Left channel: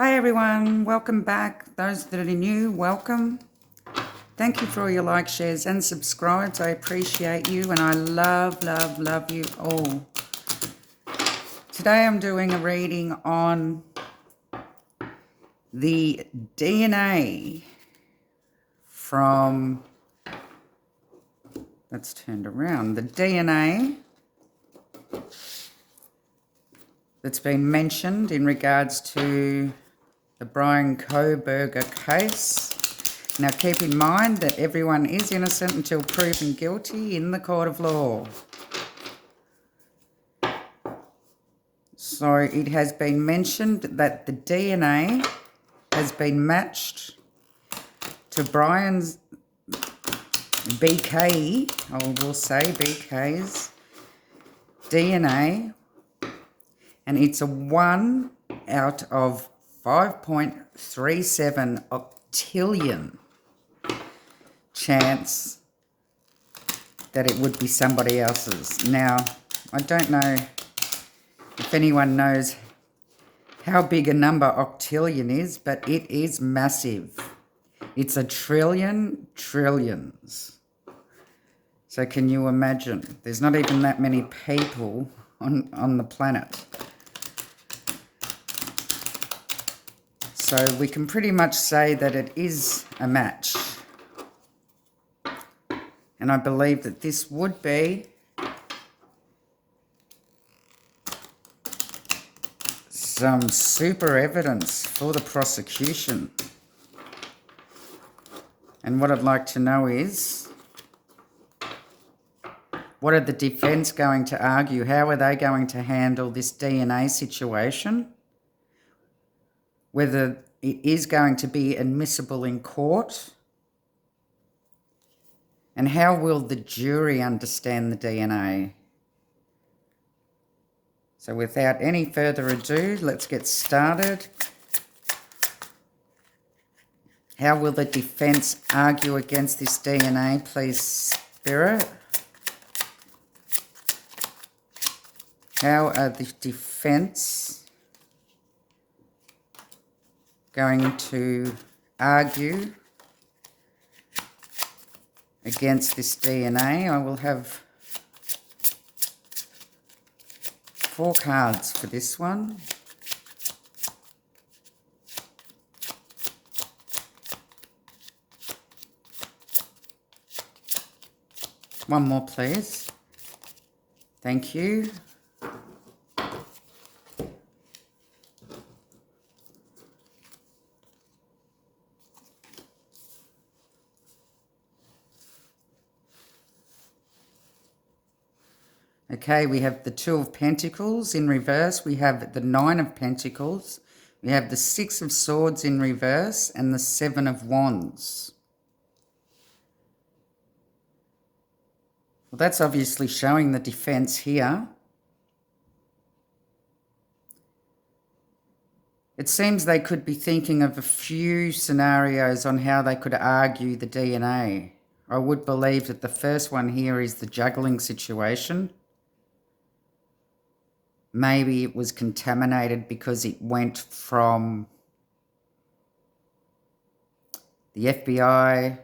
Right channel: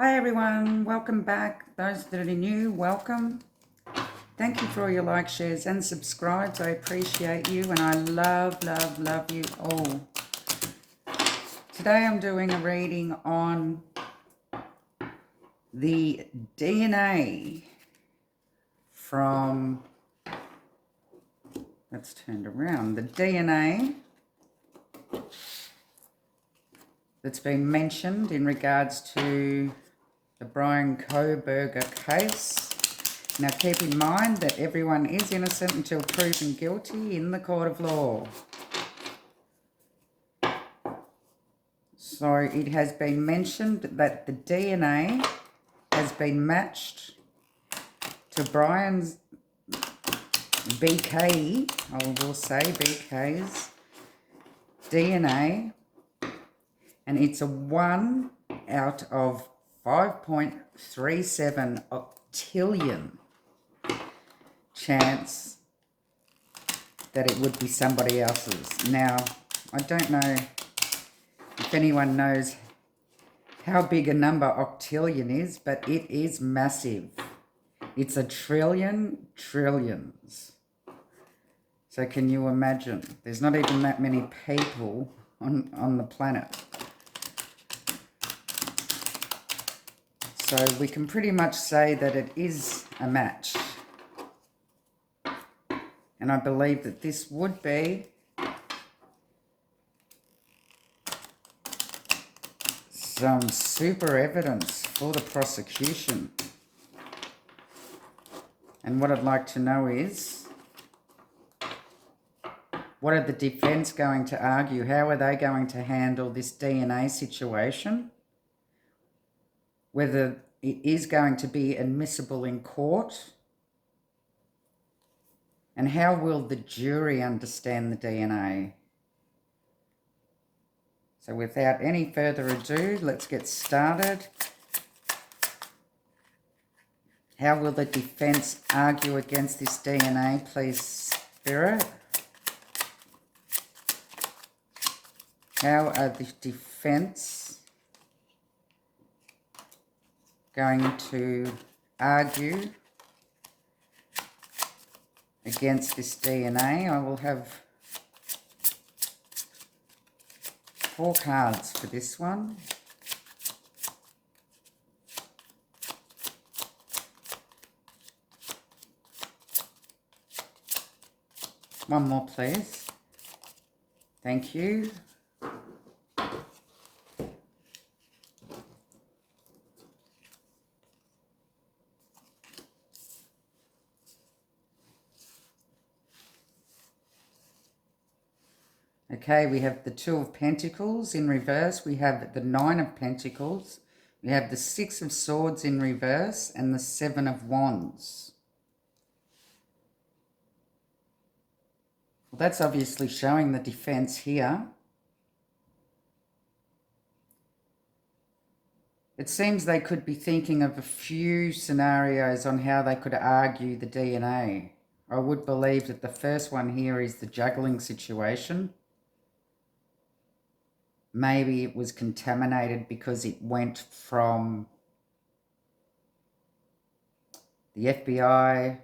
Hi everyone, welcome back. Those that are new, welcome. Thank you for all your likes, shares and subscribes. I appreciate you and I love you all. Today I'm doing a reading on the DNA from, that's turned around, the DNA that's been mentioned in regards to the Bryan Kohberger case. Now keep in mind that everyone is innocent until proven guilty in the court of law. So it has been mentioned that the DNA has been matched to Bryan's BK, I will say BK's DNA, and it's a 1 out of 5.37 octillion chance that it would be somebody else's. Now, I don't know if anyone knows how big a number octillion is, but it is massive. It's a trillion trillions. So can you imagine? There's not even that many people on the planet. So we can pretty much say that it is a match. And I believe that this would be some super evidence for the prosecution. And what I'd like to know is, what are the defense going to argue? How are they going to handle this DNA situation? Whether it is going to be admissible in court? And how will the jury understand the DNA? So without any further ado, let's get started. How will the defense argue against this DNA, please, Spirit? How are the defense going to argue against this DNA? I will have 4 cards for this one. One more, please. Thank you. Okay, we have the 2 of Pentacles in reverse. We have the 9 of Pentacles. We have the 6 of Swords in reverse and the 7 of Wands. Well, that's obviously showing the defense here. It seems they could be thinking of a few scenarios on how they could argue the DNA. I would believe that the first one here is the juggling situation. Maybe it was contaminated because it went from the FBI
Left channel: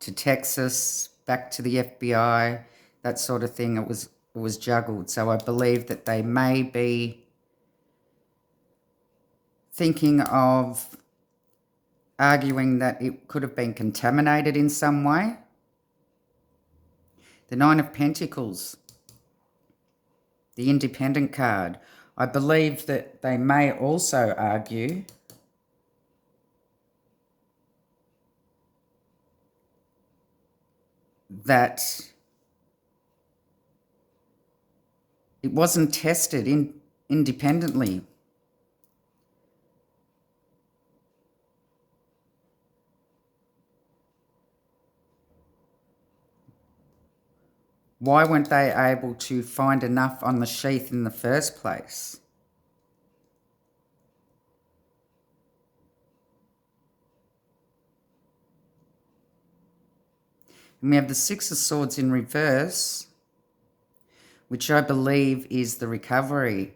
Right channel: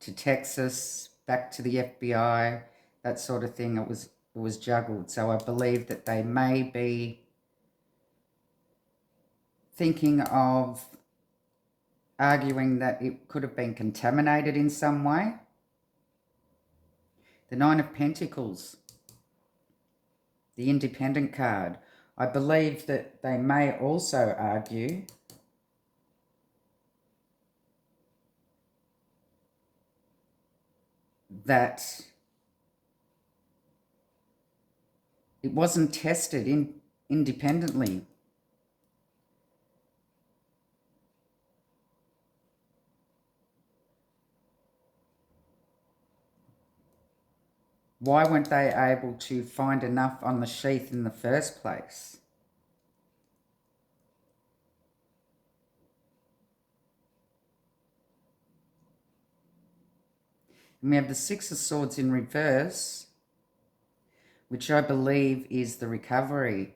to Texas, back to the FBI, that sort of thing. It was juggled. So I believe that they may be thinking of arguing that it could have been contaminated in some way. The 9 of Pentacles, the Independent card. I believe that they may also argue that it wasn't tested independently. Why weren't they able to find enough on the sheath in the first place? And we have the 6 of Swords in reverse, which I believe is the recovery.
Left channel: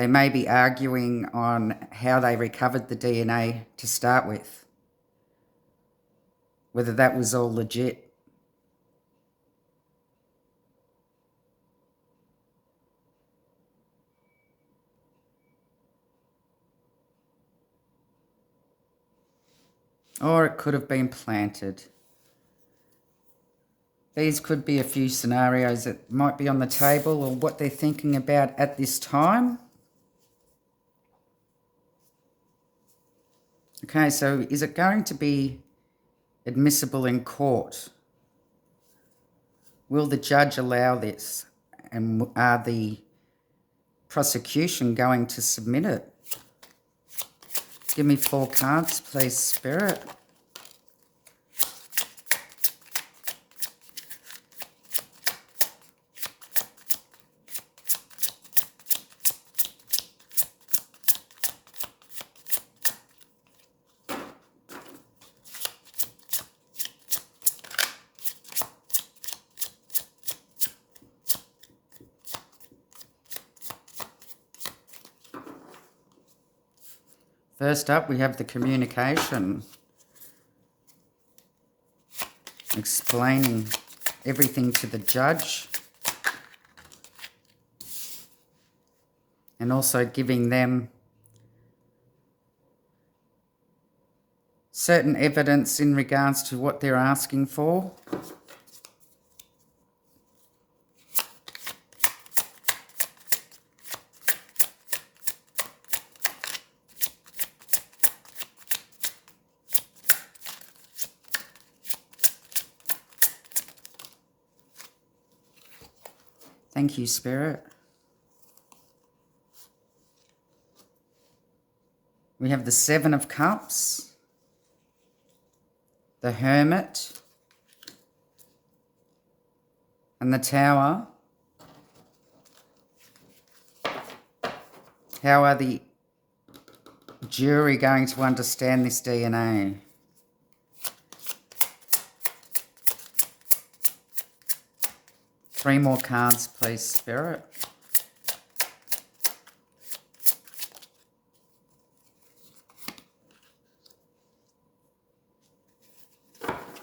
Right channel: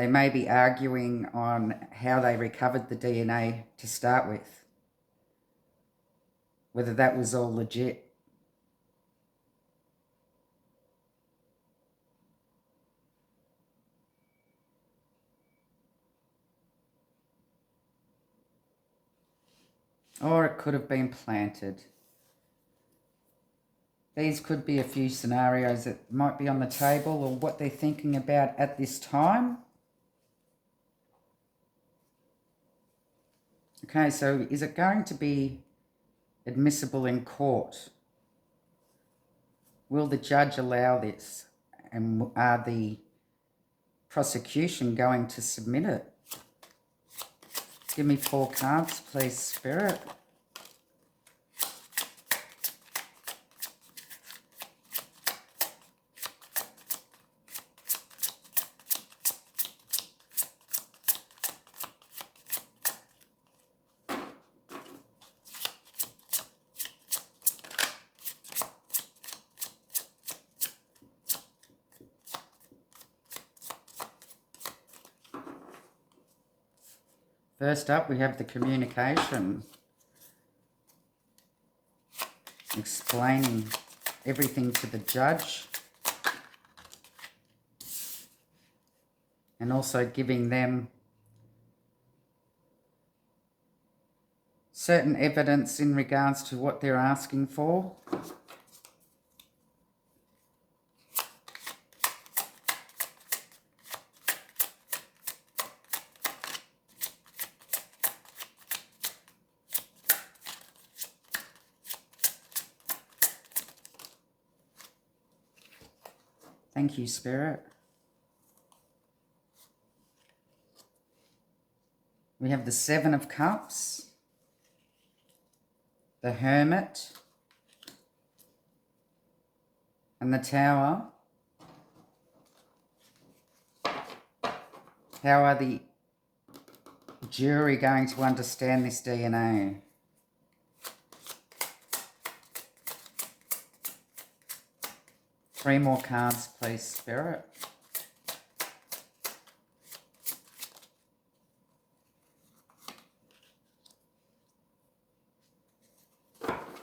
They may be arguing on how they recovered the DNA to start with, whether that was all legit. Or it could have been planted. These could be a few scenarios that might be on the table or what they're thinking about at this time. Okay, so is it going to be admissible in court? Will the judge allow this? And are the prosecution going to submit it? Give me 4 cards, please, Spirit. First up, we have the communication, explaining everything to the judge and also giving them certain evidence in regards to what they're asking for. Thank you, Spirit. We have the 7 of Cups, the Hermit, and the Tower. How are the jury going to understand this DNA? Three more cards, please, Spirit.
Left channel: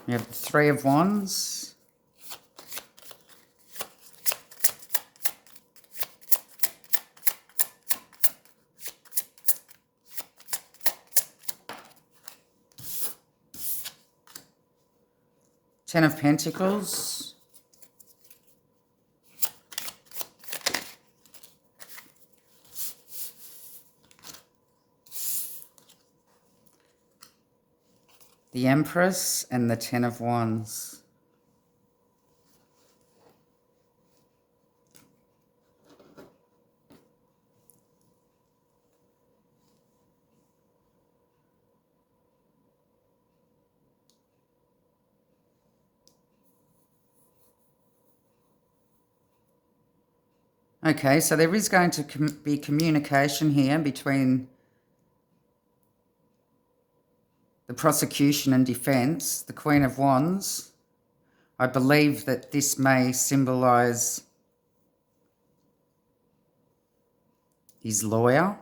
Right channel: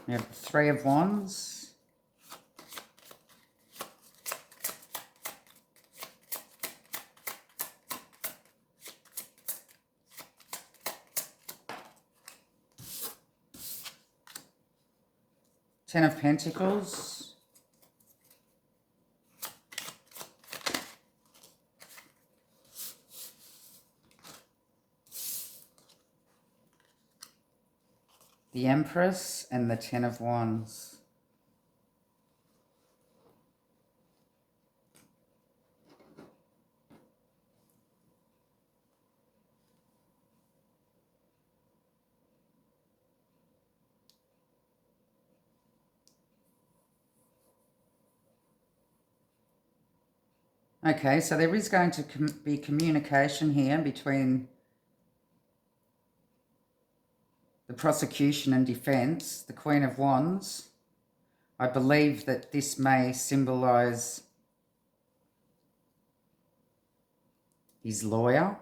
We have the 3 of Wands. Ten of Pentacles. The Empress and the 10 of Wands. Okay, so there is going to be communication here between the prosecution and defence, the Queen of Wands. I believe that this may symbolise his lawyer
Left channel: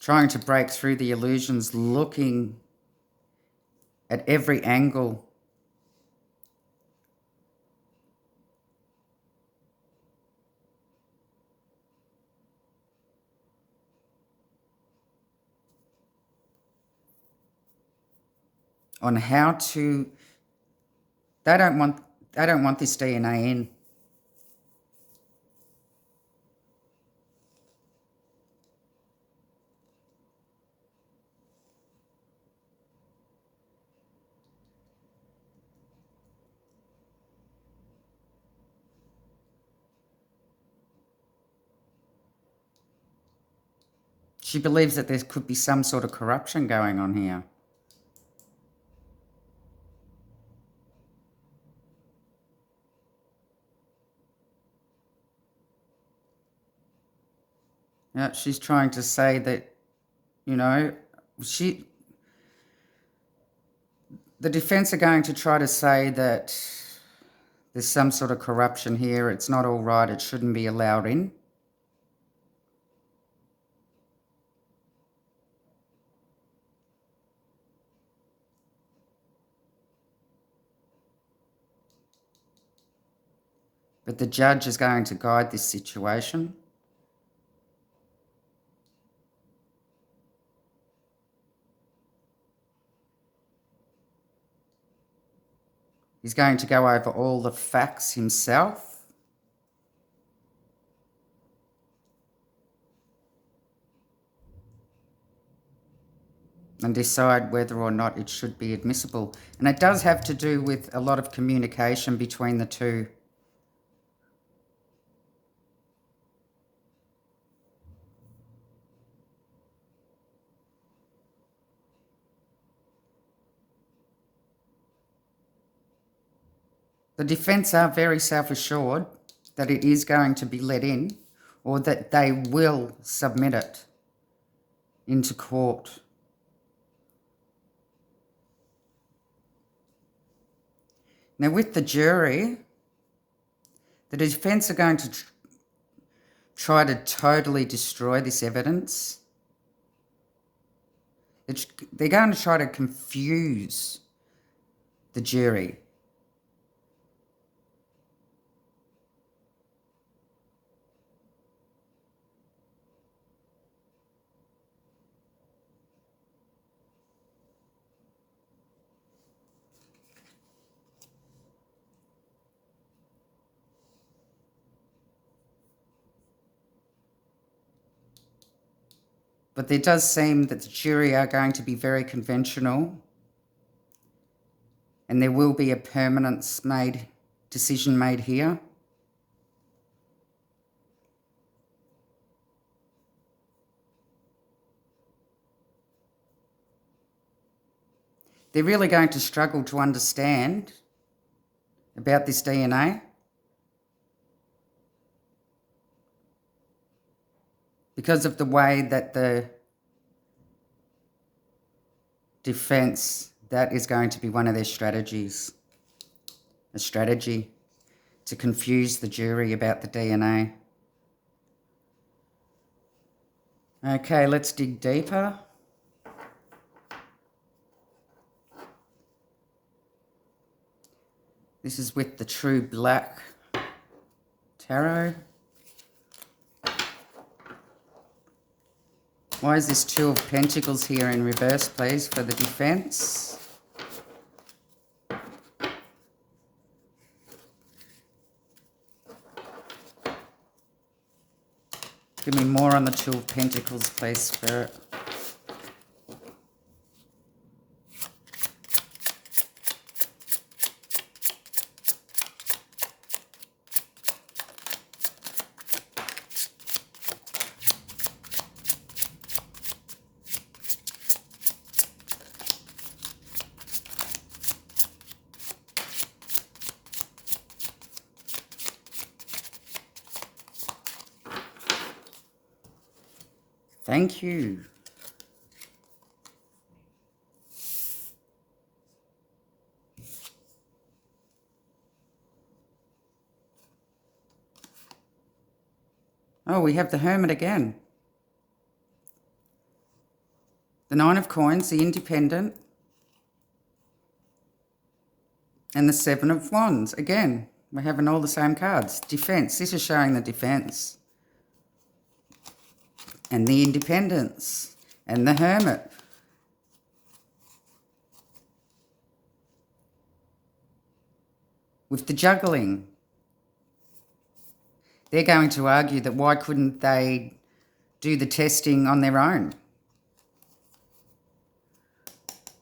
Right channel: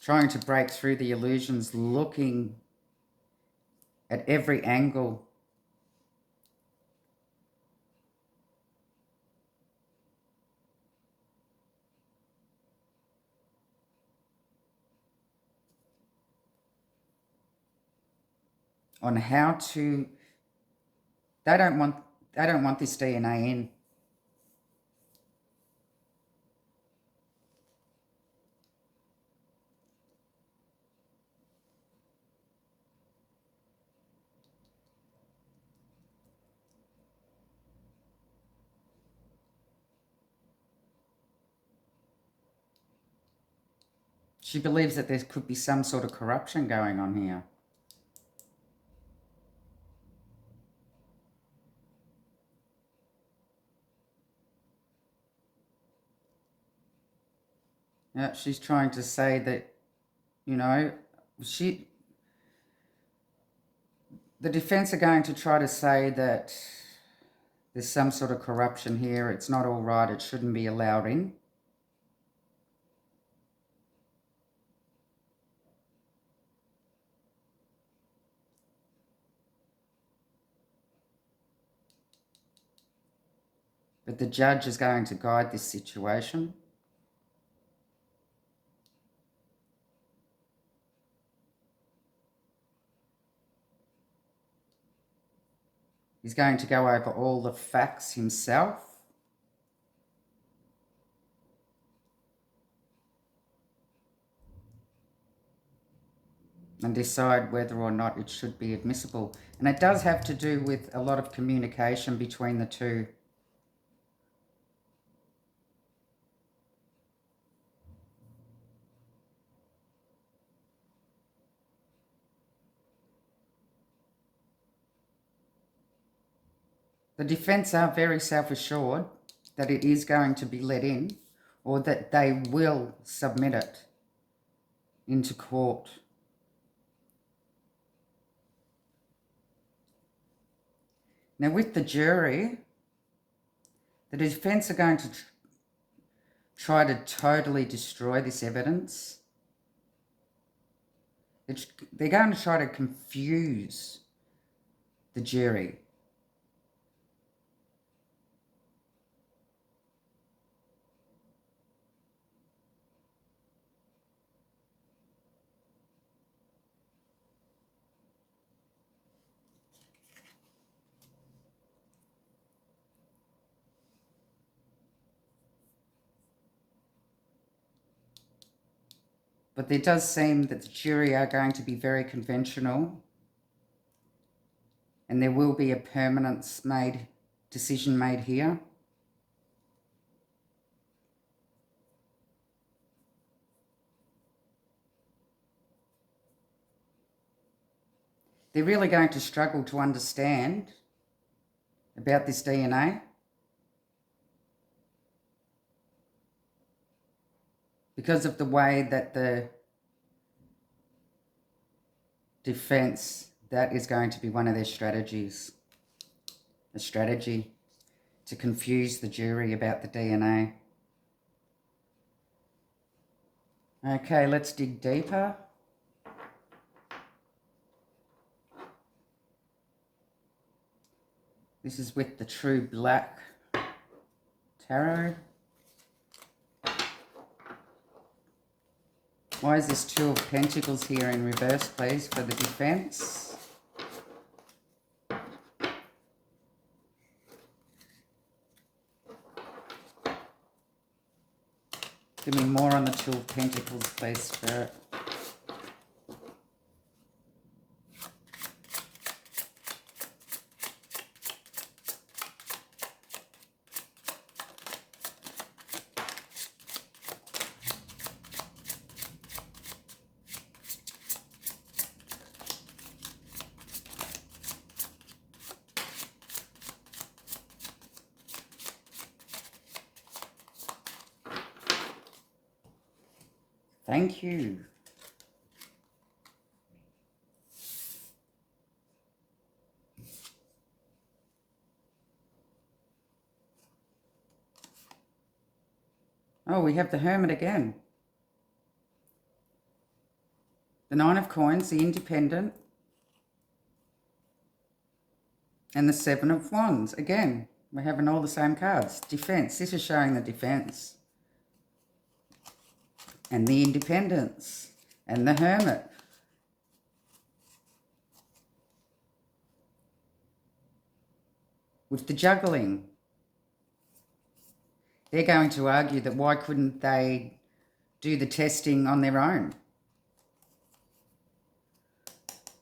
trying to break through the illusions, looking at every angle on how to. They don't want this DNA in. She believes that there could be some sort of corruption going on here. Yeah, she's trying to say that, you know, the defense are going to try to say that There's some sort of corruption here. It's not all right. It shouldn't be allowed in. But the judge is going to guide this situation. He's going to go over all the facts himself. And decide whether or not it should be admissible. And it does have to do with a lot of communication between the two. The defence are very self-assured that it is going to be let in, or that they will submit it into court. Now, with the jury, the defence are going to try to totally destroy this evidence. They're going to try to confuse the jury. But it does seem that the jury are going to be very conventional, and there will be a permanence decision made here. They're really going to struggle to understand about this DNA. Because of the way that the defence, that is going to be one of their strategies. A strategy to confuse the jury about the DNA. Okay, let's dig deeper. This is with the True Black Tarot. Why is this Two of Pentacles here in reverse, please, for the defence? Give me more on the Two of Pentacles, please, Spirit. Thank you. Oh, we have the Hermit again. The Nine of Coins, the Independent, and the Seven of Wands. Again, we're having all the same cards. Defense. This is showing the defense. And the Independence. And the Hermit. With the juggling. They're going to argue that why couldn't they do the testing on their own?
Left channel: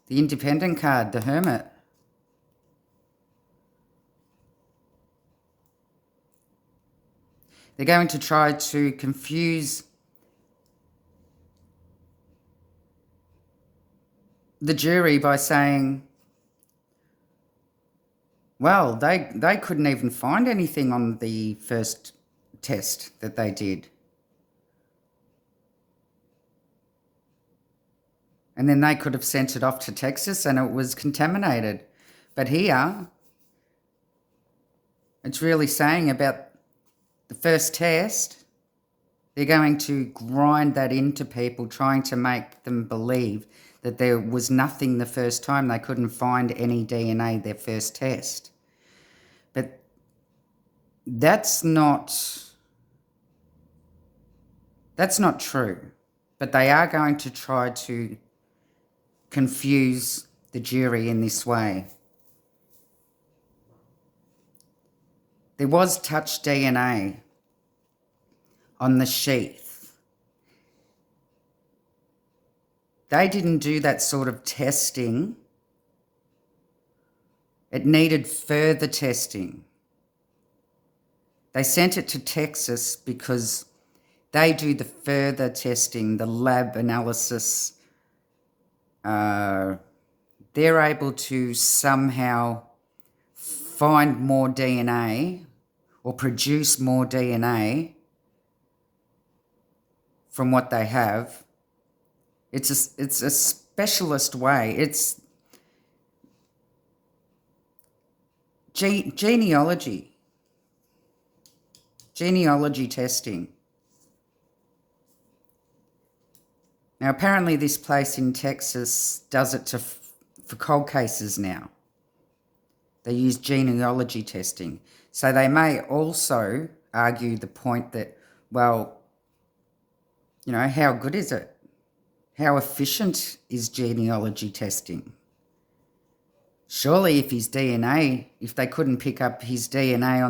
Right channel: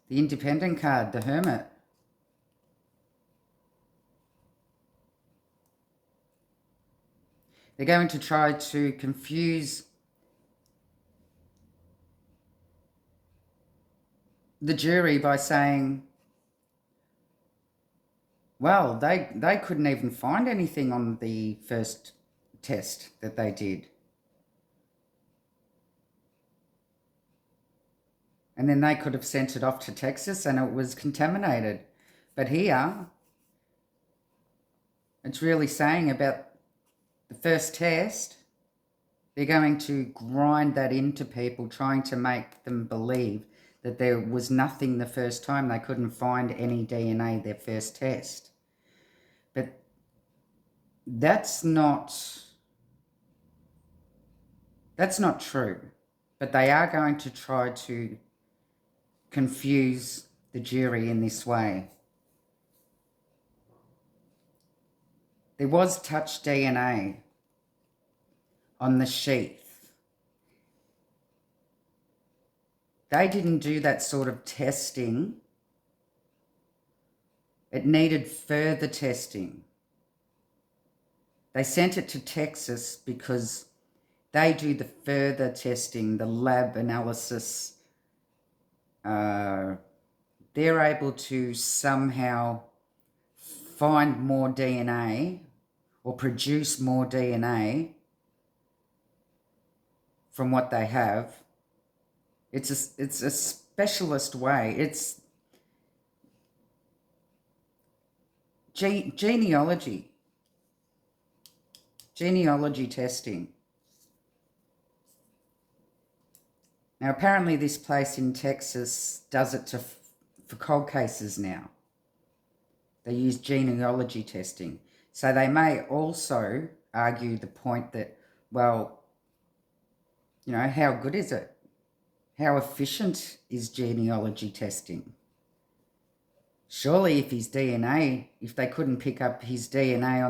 The Independent card, the Hermit. They're going to try to confuse the jury by saying, well, they couldn't even find anything on the first test that they did. And then they could have sent it off to Texas and it was contaminated. But here, It's really saying about the first test, they're going to grind that into people, trying to make them believe that there was nothing the first time. They couldn't find any DNA their first test. But that's not true. But they are going to try to confuse the jury in this way. There was touch DNA on the sheath. They didn't do that sort of testing. It needed further testing. They sent it to Texas because they do the further testing, the lab analysis. They're able to somehow find more DNA or produce more DNA from what they have. It's a specialist way. It's genealogy testing. Now, apparently this place in Texas does it for cold cases now. They use genealogy testing. So they may also argue the point that, well, you know, how good is it? How efficient is genealogy testing? Surely if they couldn't pick up his DNA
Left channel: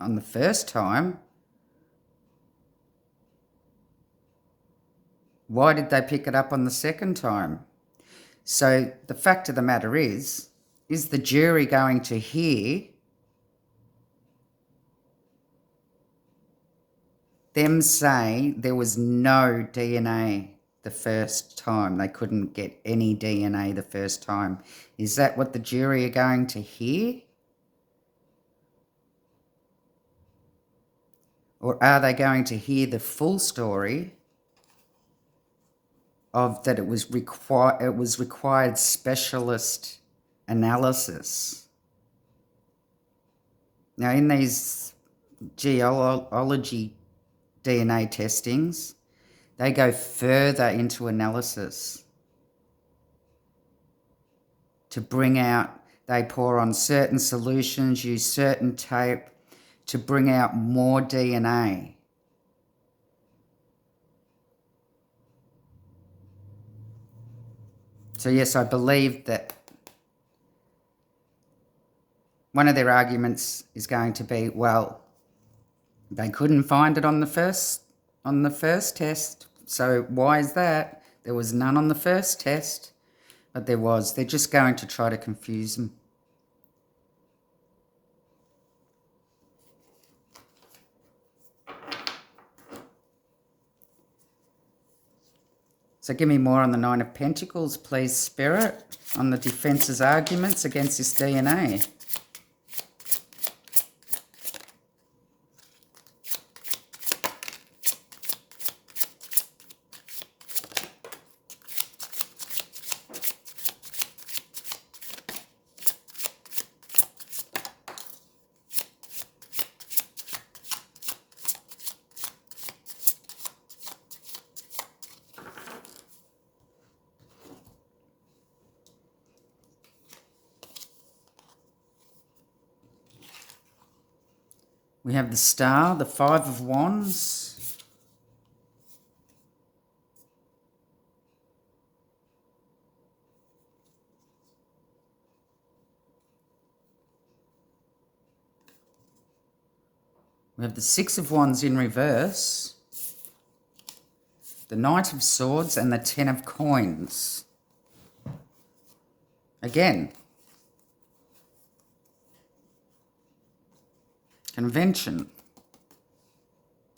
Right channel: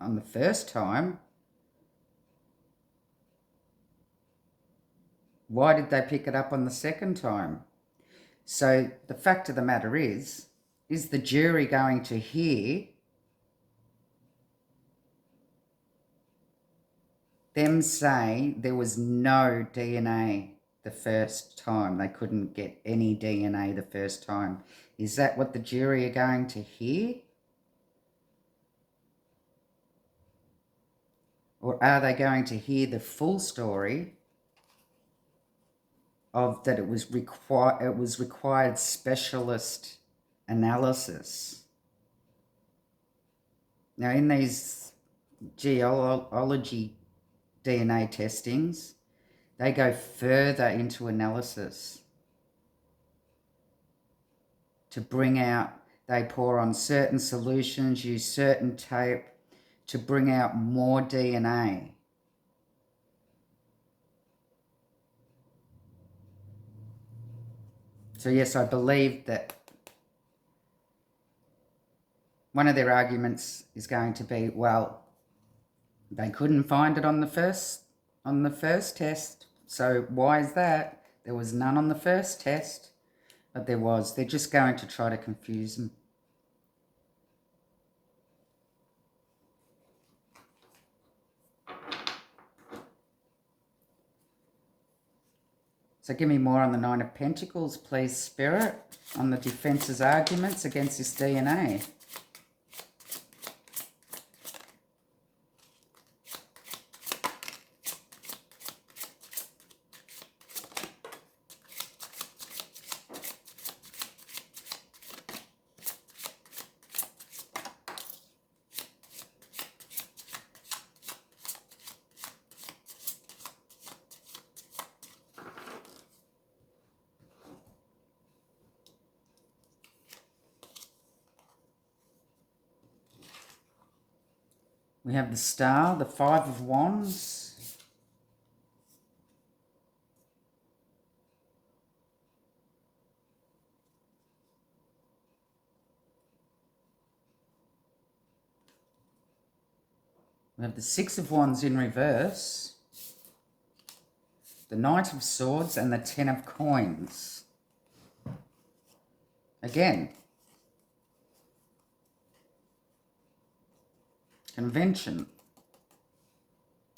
on the first time, why did they pick it up on the second time? So the fact of the matter is the jury going to hear them say there was no DNA the first time? They couldn't get any DNA the first time. Is that what the jury are going to hear? Or are they going to hear the full story of that it was required specialist analysis? Now, in these genealogy DNA testings, they go further into analysis to bring out, they pour on certain solutions, use certain tape to bring out more DNA. So yes, I believe that one of their arguments is going to be, well, they couldn't find it on the first test. So why is that? There was none on the first test, but there was. They're just going to try to confuse them. So give me more on the Nine of Pentacles, please, Spirit, on the defence's arguments against this DNA. We have the Star, the Five of Wands. We have the Six of Wands in reverse, the Knight of Swords, and the Ten of Coins. Again, convention,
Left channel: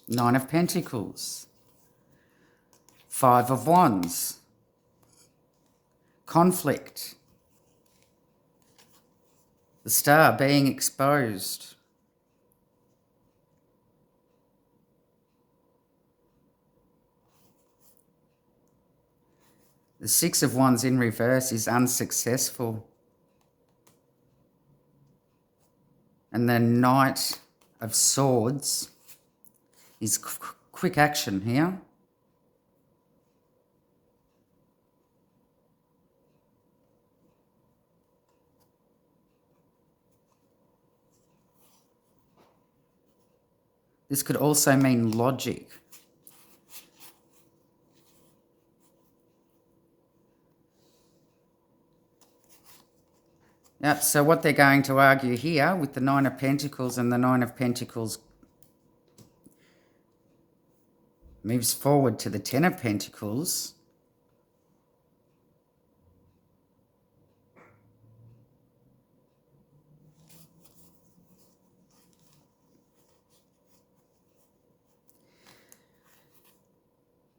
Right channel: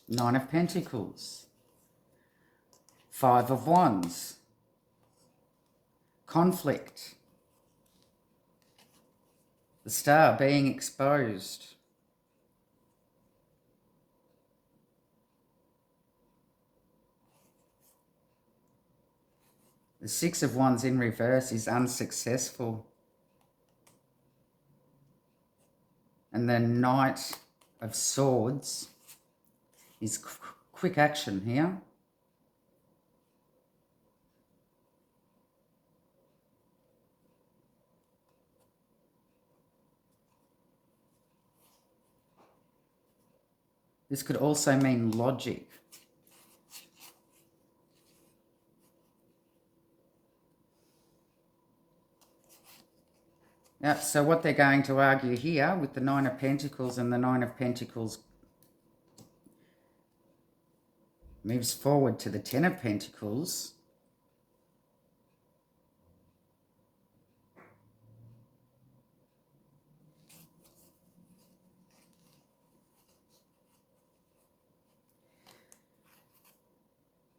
Nine of Pentacles, Five of Wands, conflict, the Star being exposed, the Six of Wands in reverse is unsuccessful. And the Knight of Swords is quick action here. This could also mean logic. Yep, so what they're going to argue here with the Nine of Pentacles, and the Nine of Pentacles moves forward to the Ten of Pentacles.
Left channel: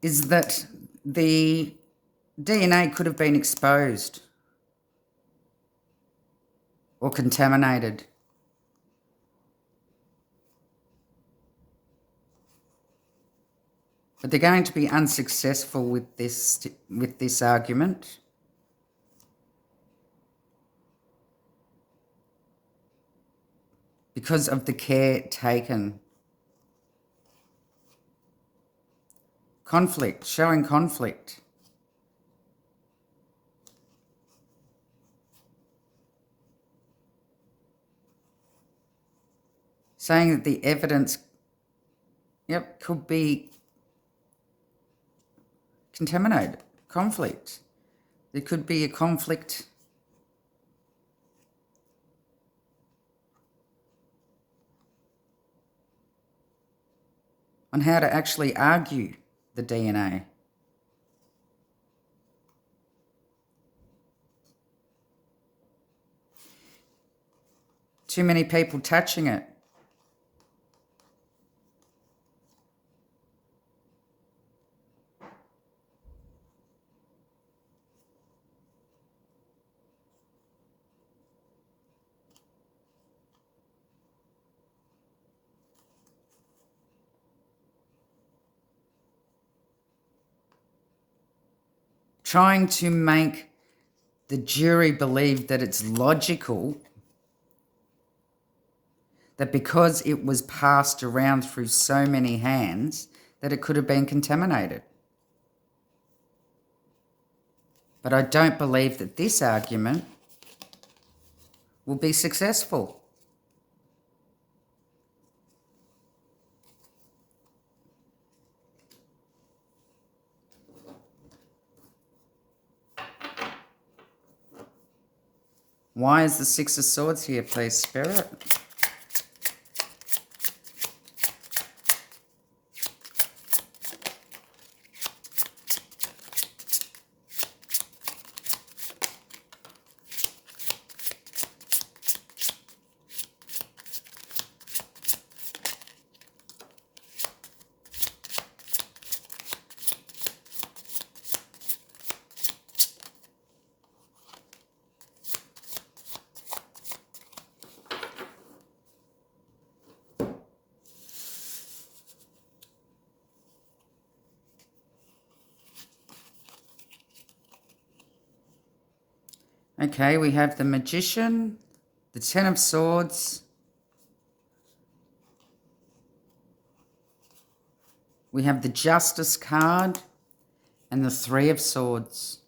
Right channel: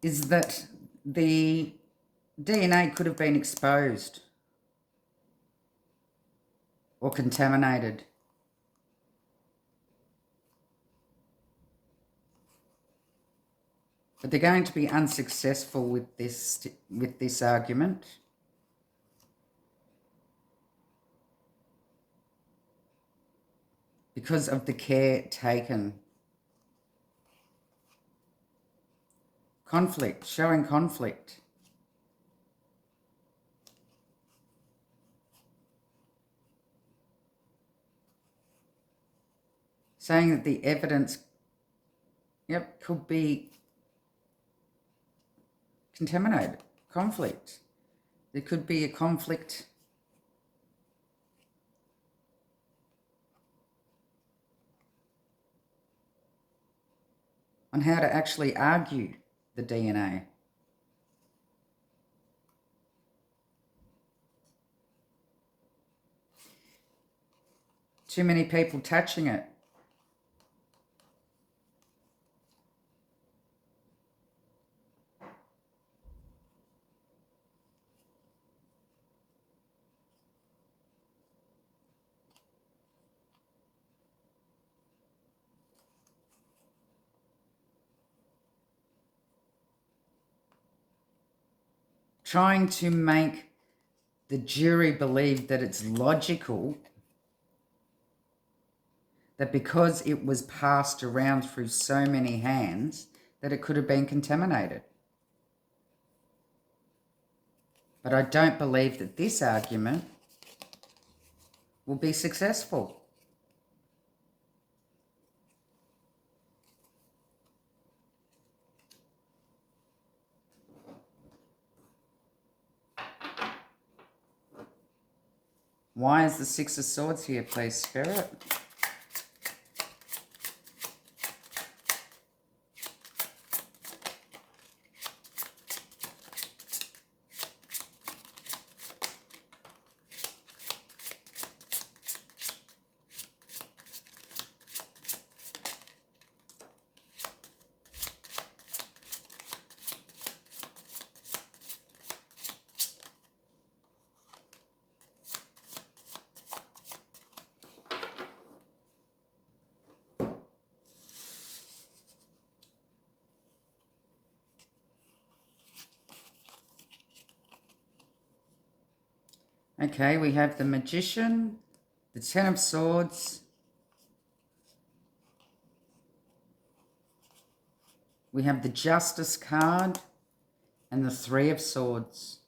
Is that the DNA could have been exposed or contaminated. But they're going to be unsuccessful with this argument. Because of the care taken. Conflict, showing conflict. Saying that the evidence, could be contaminated. Conflict. There could be a conflict on how to actually argue the DNA. Too many people touching it. Trying to make the jury believe that it's logical that because it was passed around through so many hands that it could have been contaminated. But I don't believe that this argument will be successful. Why is the Six of Swords here, please, Spirit? Okay, we have the Magician, the Ten of Swords. We have the Justice card and the Three of Swords.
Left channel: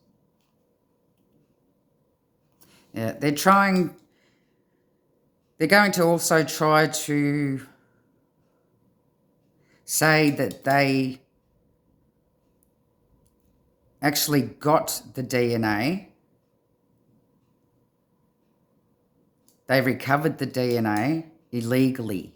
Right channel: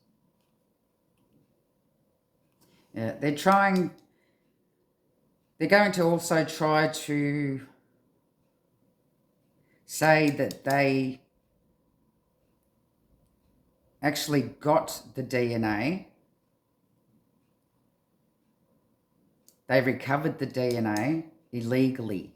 Yeah, they're going to also try to say that they actually got the DNA. They recovered the DNA illegally.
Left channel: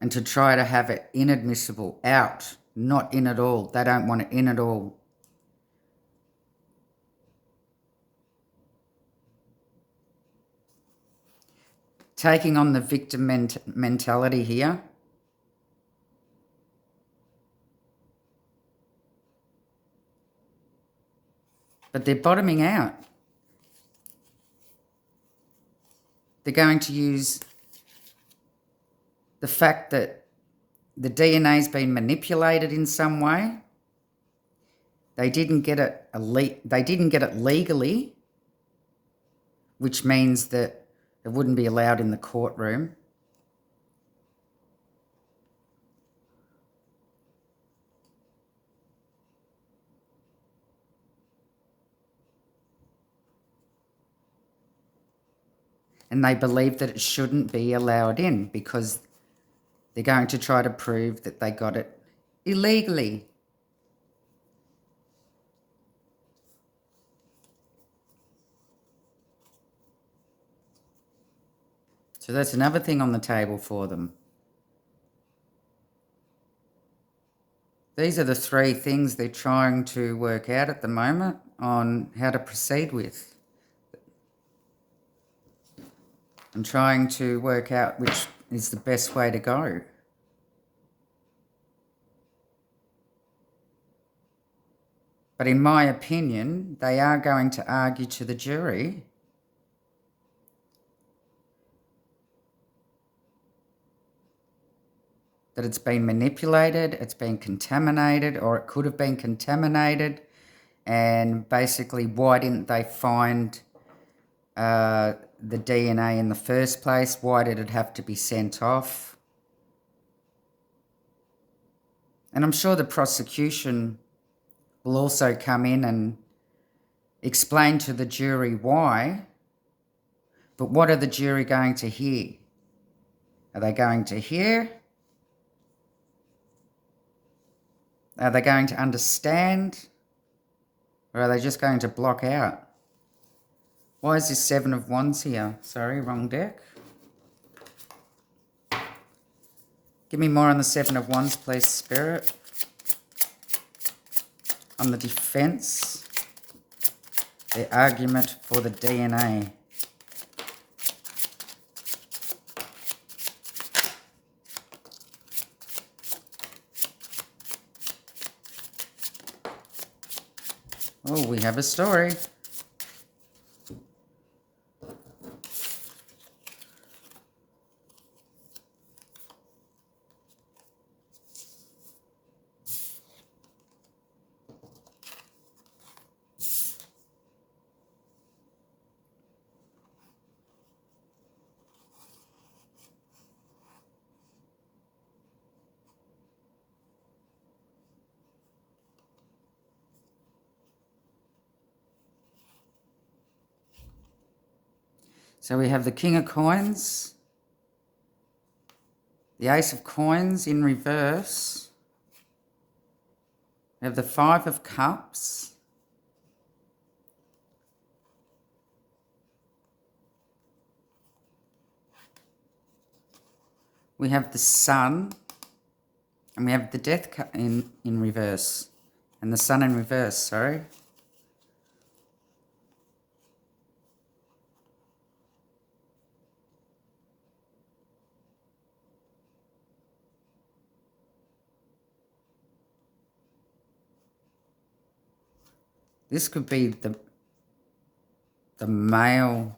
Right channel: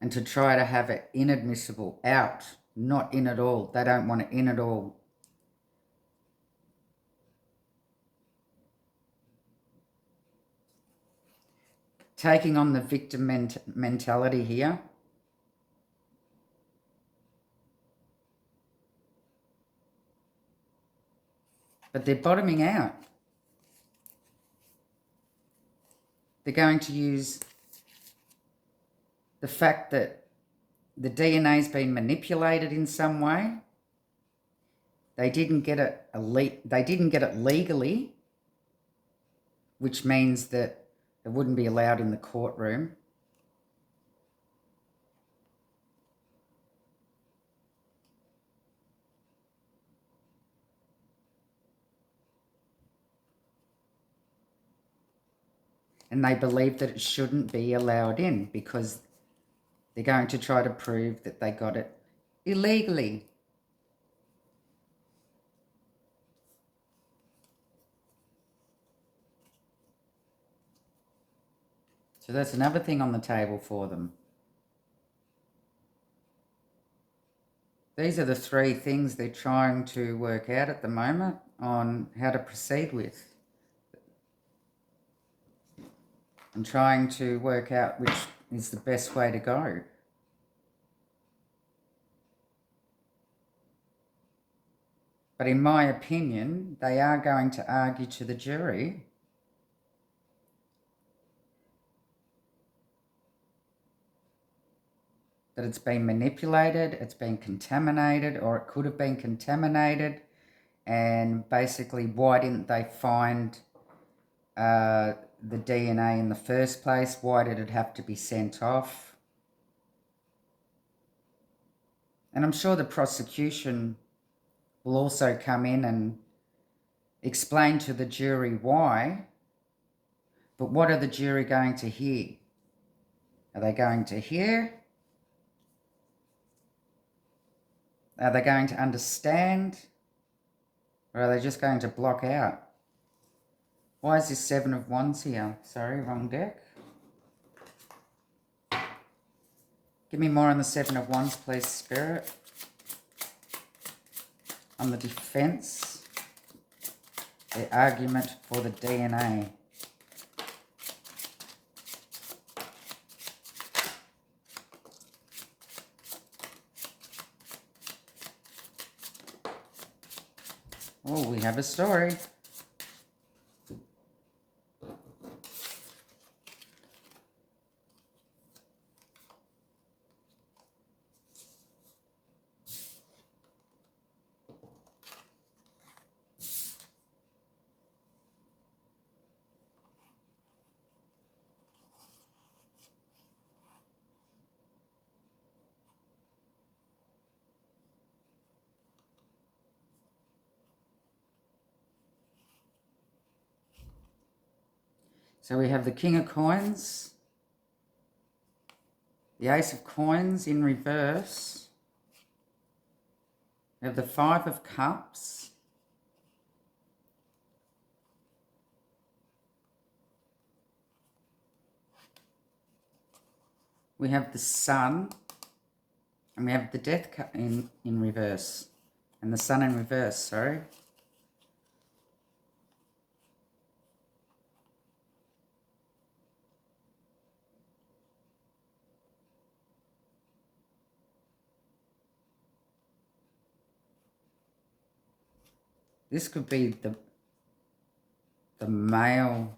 And to try to have it inadmissible, out, not in at all. They don't want it in at all. Taking on the victim mentality here. But they're bottoming out. They're going to use the fact that the DNA's been manipulated in some way. They didn't get it legally, which means that it wouldn't be allowed in the courtroom. And they believe that it shouldn't be allowed in because they're going to try to prove that they got it illegally. So that's another thing on the table for them. These are the three things they're trying to work out at the moment on how to proceed with. And trying to work out which is the best way to go. But in my opinion, they are going to argue to the jury that it's been manipulated, it's been contaminated, or it could have been contaminated, and basically why didn't they find the DNA in the first place? Why did it have to be sent off? And I'm sure the prosecution will also come in and explain to the jury why. But what are the jury going to hear? Are they going to hear? Are they going to understand? Or are they just going to block out? Why is this 7 of Wands here? Sorry, wrong deck. Give me more on the 7 of Wands, please, Spirit. On the defense. The argument for the DNA. Oh, we have a story. So we have the King of Coins, the Ace of Coins in reverse. We have the 5 of Cups. We have the Sun, and we have the Death in reverse, and the Sun in reverse, sorry. This could be the male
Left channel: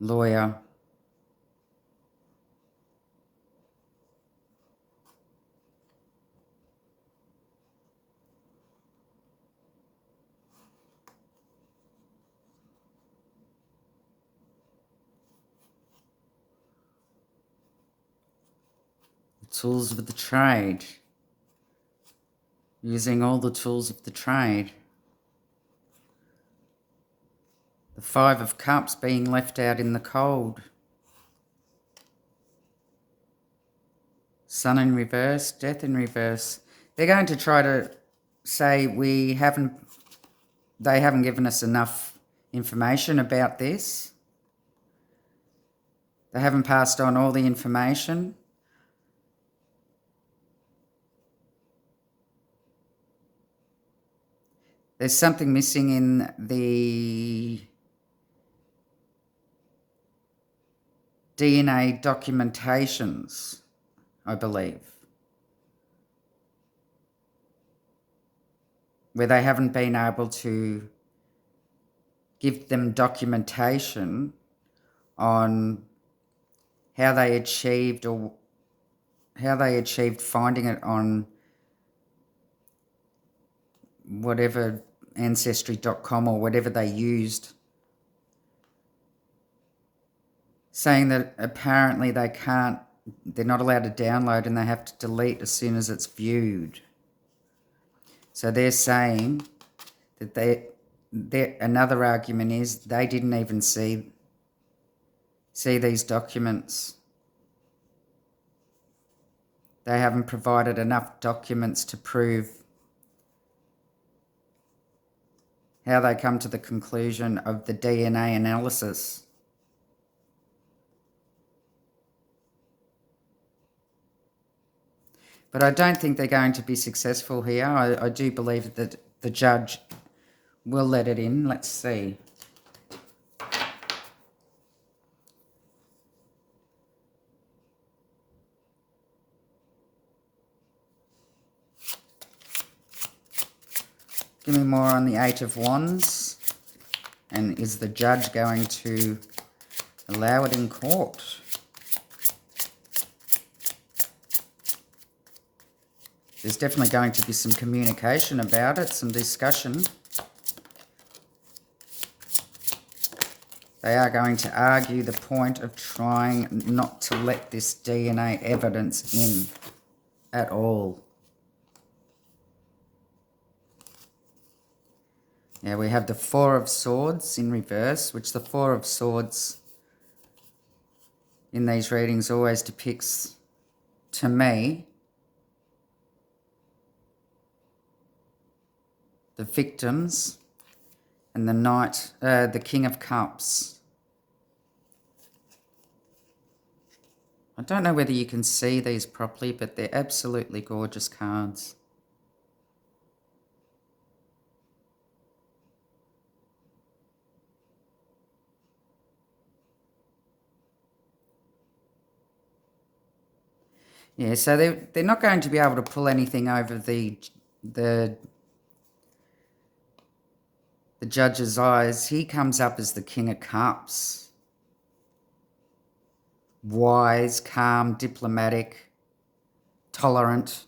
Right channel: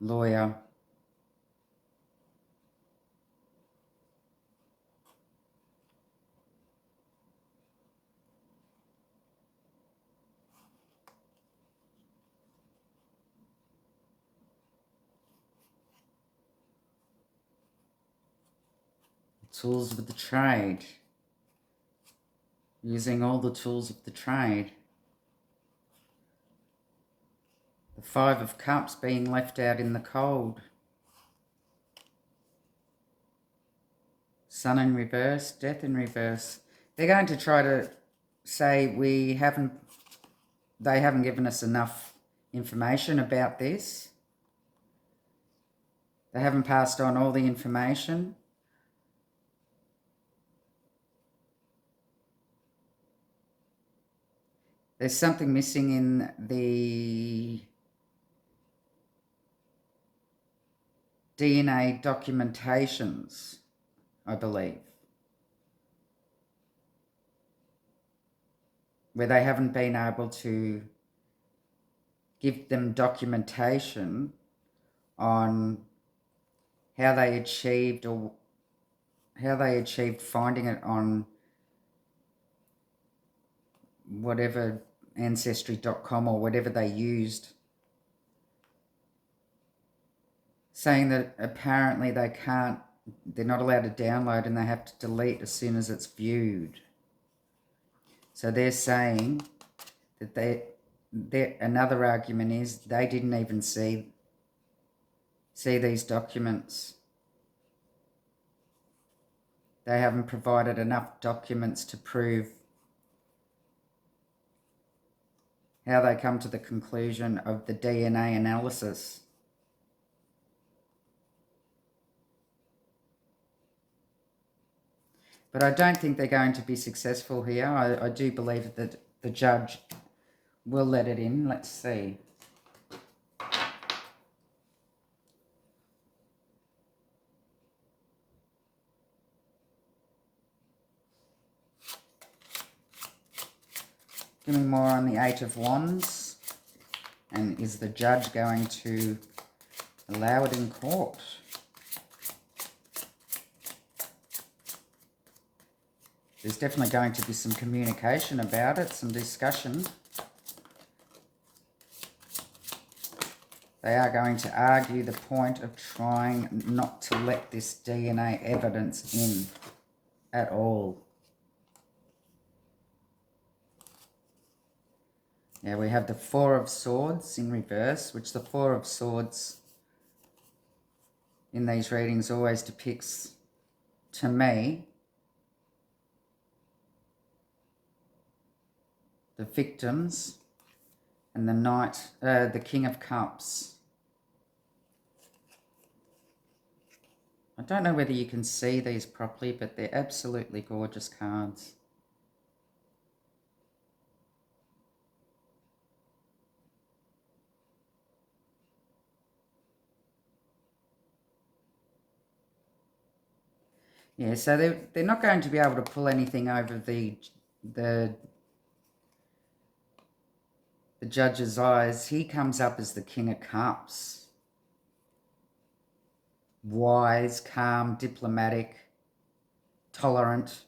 lawyer. The tools of the trade. Using all the tools of the trade. The 5 of Cups being left out in the cold. Sun in reverse, Death in reverse. They're going to try to say they haven't given us enough information about this. They haven't passed on all the information. There's something missing in the DNA documentations, I believe, where they haven't been able to give them documentation on how they achieved finding it on whatever ancestry.com or whatever they used, saying that apparently they're not allowed to download and they have to delete as soon as it's viewed. So they're saying that another argument is they didn't even see these documents. They haven't provided enough documents to prove how they come to the conclusion of the DNA analysis. But I don't think they're going to be successful here. I do believe that the judge will let it in. Let's see. Give me more on the Eight of Wands. And is the judge going to allow it in court? There's definitely going to be some communication about it, some discussion. They are going to argue the point of trying not to let this DNA evidence in at all. Yeah, we have the Four of Swords in reverse, which the Four of Swords in these readings always depicts, to me, the victims, and the King of Cups. I don't know whether you can see these properly, but they're absolutely gorgeous cards. Yeah, so they're not going to be able to pull anything over the judge's eyes. He comes up as the King of Cups. Wise, calm, diplomatic, tolerant.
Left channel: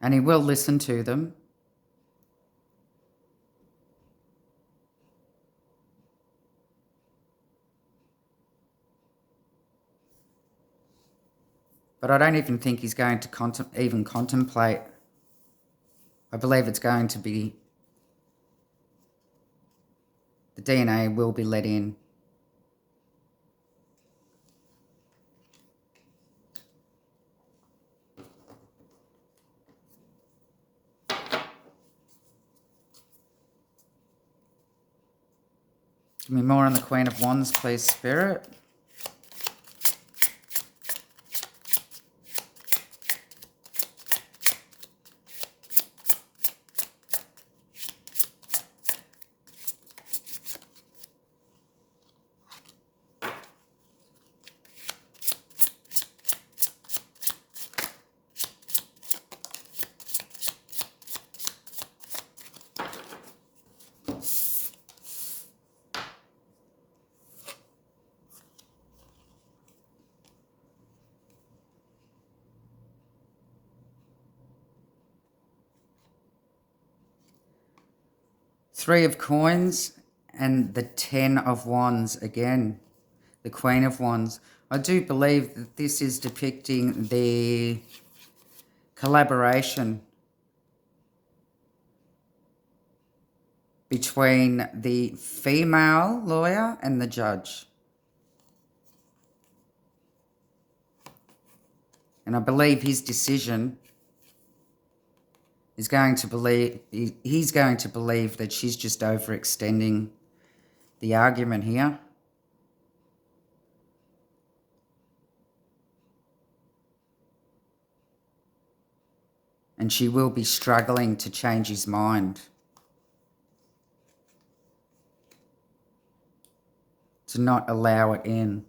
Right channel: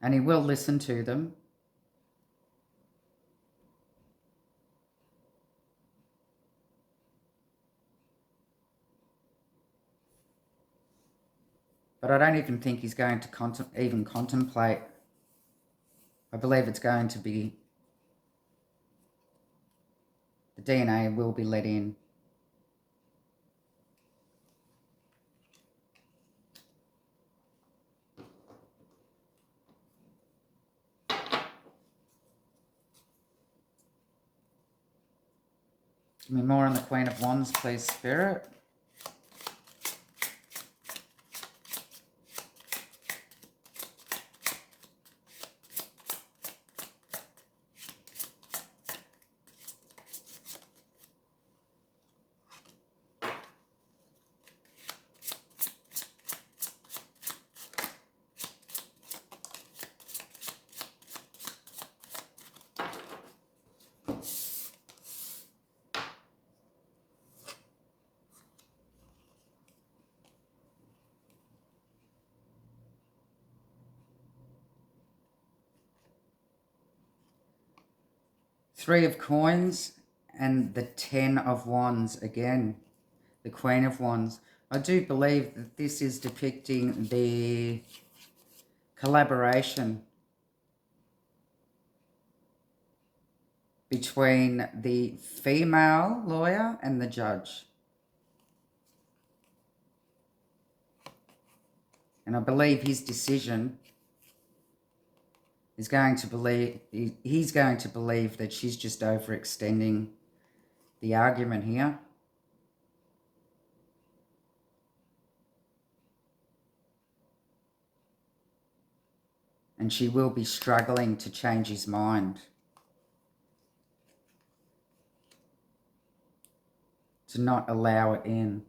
And he will listen to them. But I don't even think he's going to even contemplate. I believe it's going to be, the DNA will be let in. Give me more on the Queen of Wands, please, Spirit. Three of Coins and the Ten of Wands again. The Queen of Wands. I do believe that this is depicting the collaboration between the female lawyer and the judge. And I believe his decision is going to believe, he's going to believe that she's just overextending the argument here. And she will be struggling to change his mind, to not allow it in.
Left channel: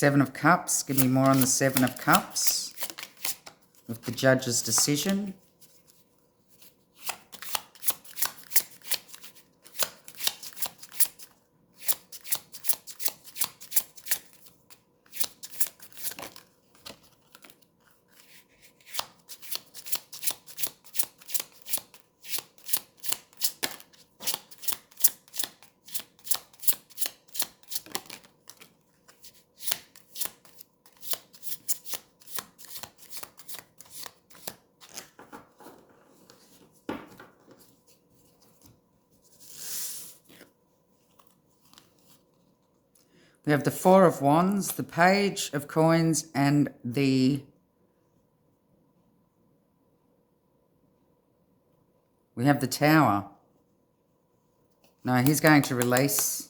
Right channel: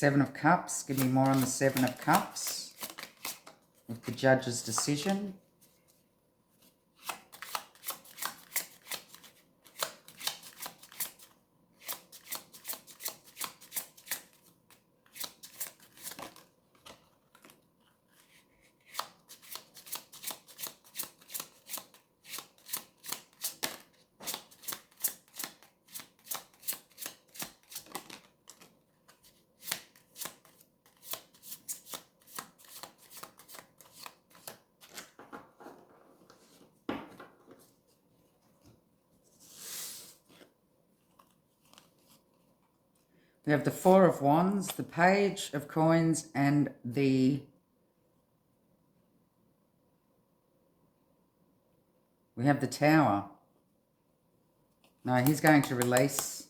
Seven of Cups. Give me more on the Seven of Cups with the judge's decision. We have the Four of Wands, the Page of Coins, and we have the Tower. No, he's going to release.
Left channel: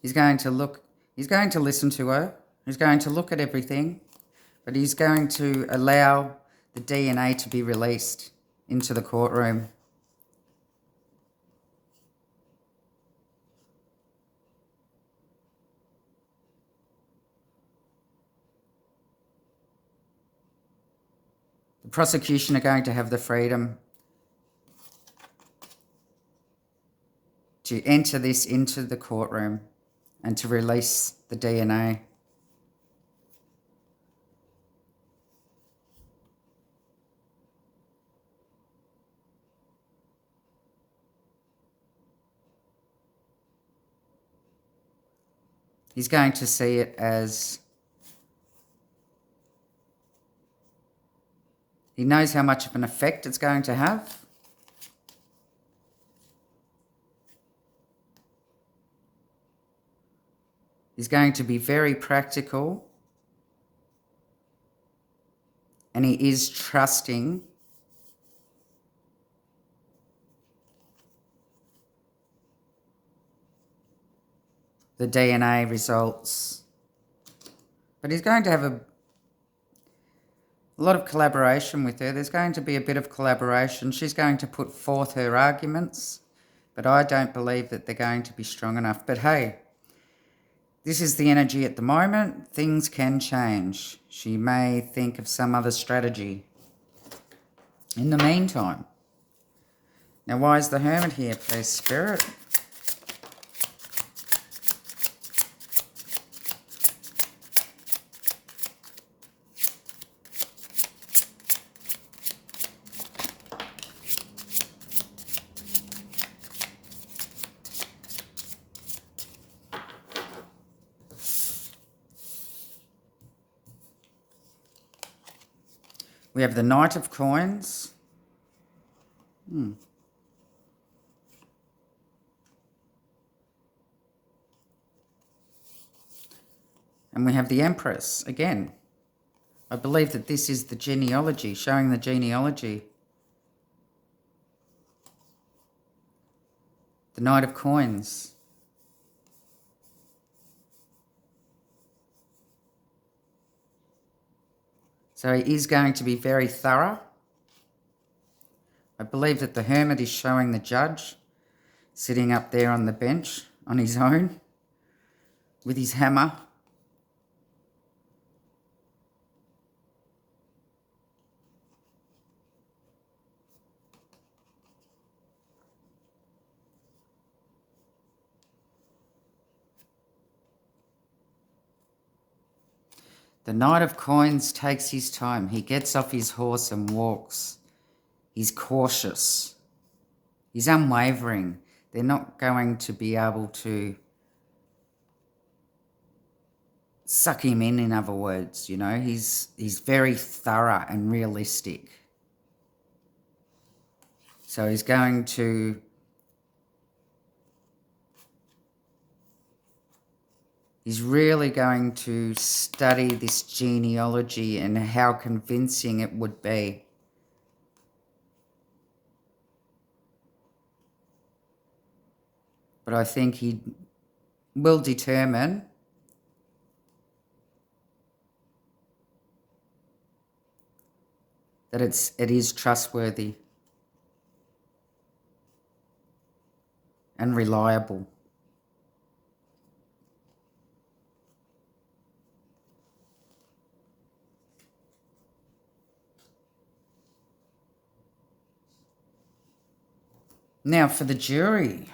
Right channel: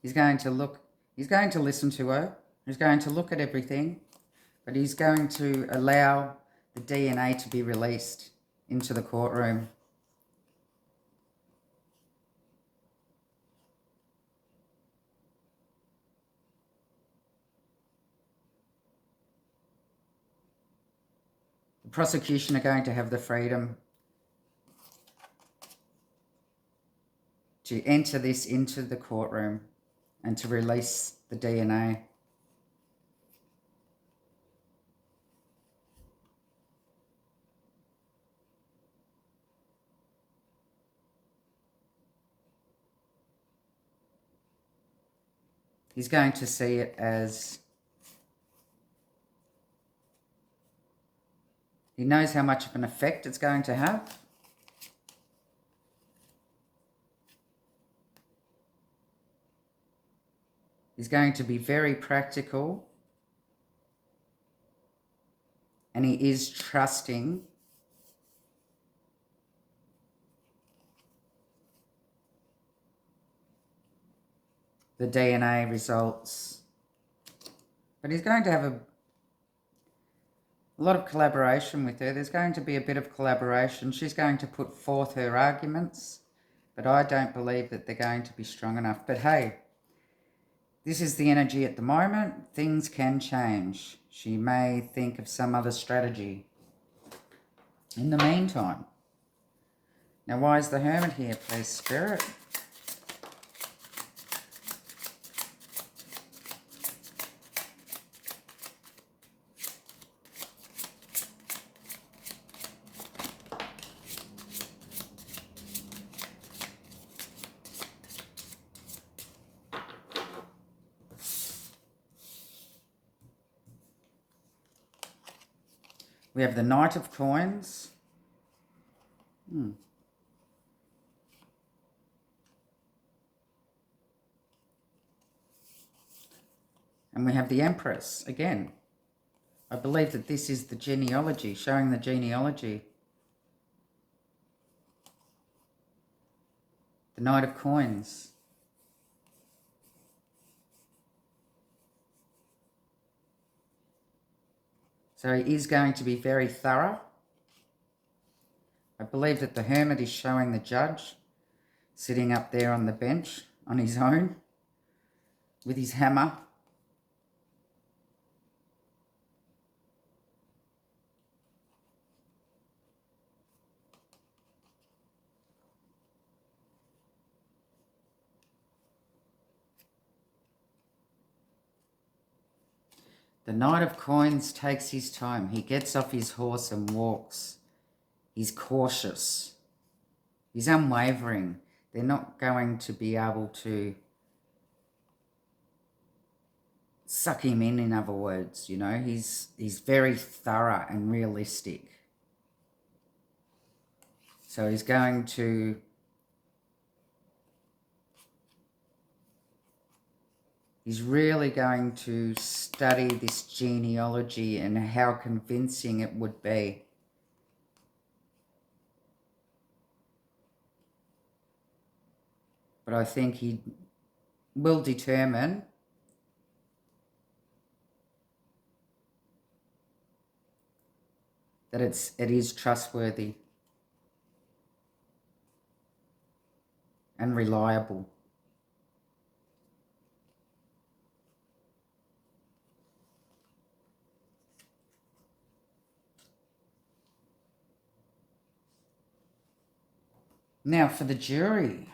He's going to listen to her. He's going to look at everything, but he's going to allow the DNA to be released into the courtroom. The prosecution are going to have the freedom to enter this into the courtroom and to release the DNA. He's going to see it as he knows how much of an effect it's going to have. He's going to be very practical, and he is trusting the DNA results. But he's going to have a lot of collaboration with her. There's going to be a bit of collaboration. She's going to put forth her arguments, but I don't believe that they're going to be strong enough. But hey, this is the energy at the moment. Things can change. She may think of some other strategy in the meantime. Now, why is the Hermit here, please, Spirit? We have the Knight of Coins. And we have the Empress again. I believe that this is the genealogy, showing the genealogy. The Knight of Coins. So he is going to be very thorough. I believe that the Hermit is showing the judge sitting up there on the bench on his own with his hammer. The Knight of Coins takes his time. He gets off his horse and walks. He's cautious. He's unwavering. They're not going to be able to suck him in other words, you know. He's very thorough and realistic. So he's going to he's really going to study this genealogy and how convincing it would be. But I think he will determine that it is trustworthy and reliable. Now for the jury.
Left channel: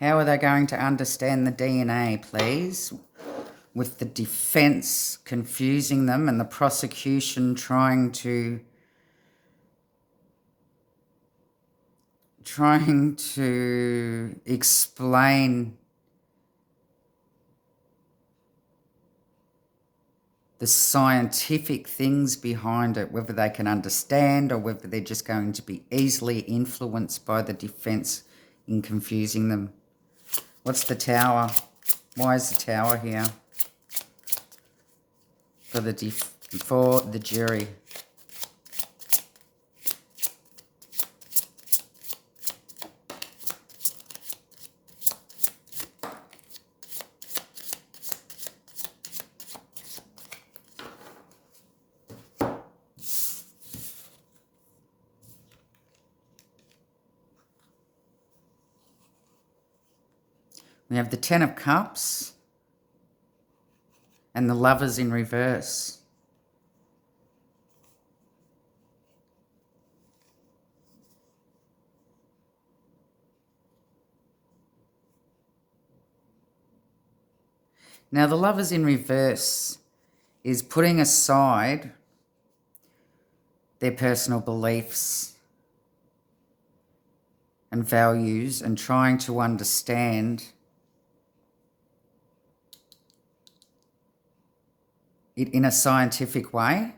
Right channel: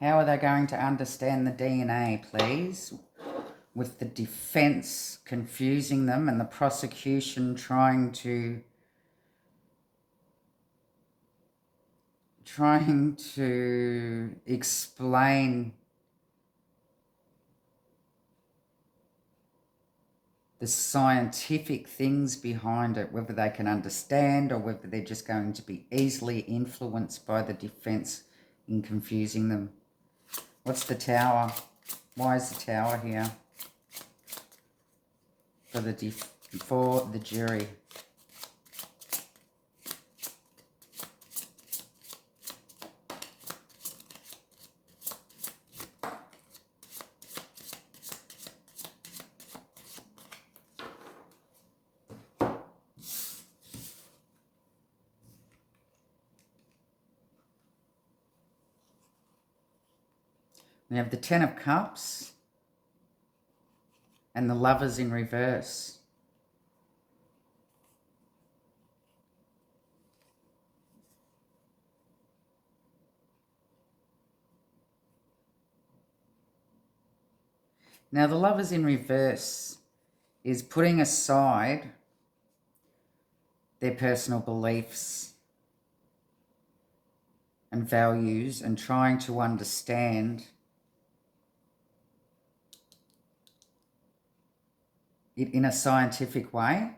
How are they going to understand the DNA, please? With the defence confusing them and the prosecution trying to explain the scientific things behind it, whether they can understand or whether they're just going to be easily influenced by the defence in confusing them. What's the Tower? Why is the Tower here for the jury? We have the Ten of Cups and the Lovers in reverse. Now the Lovers in reverse is putting aside their personal beliefs and values and trying to understand it in a scientific way.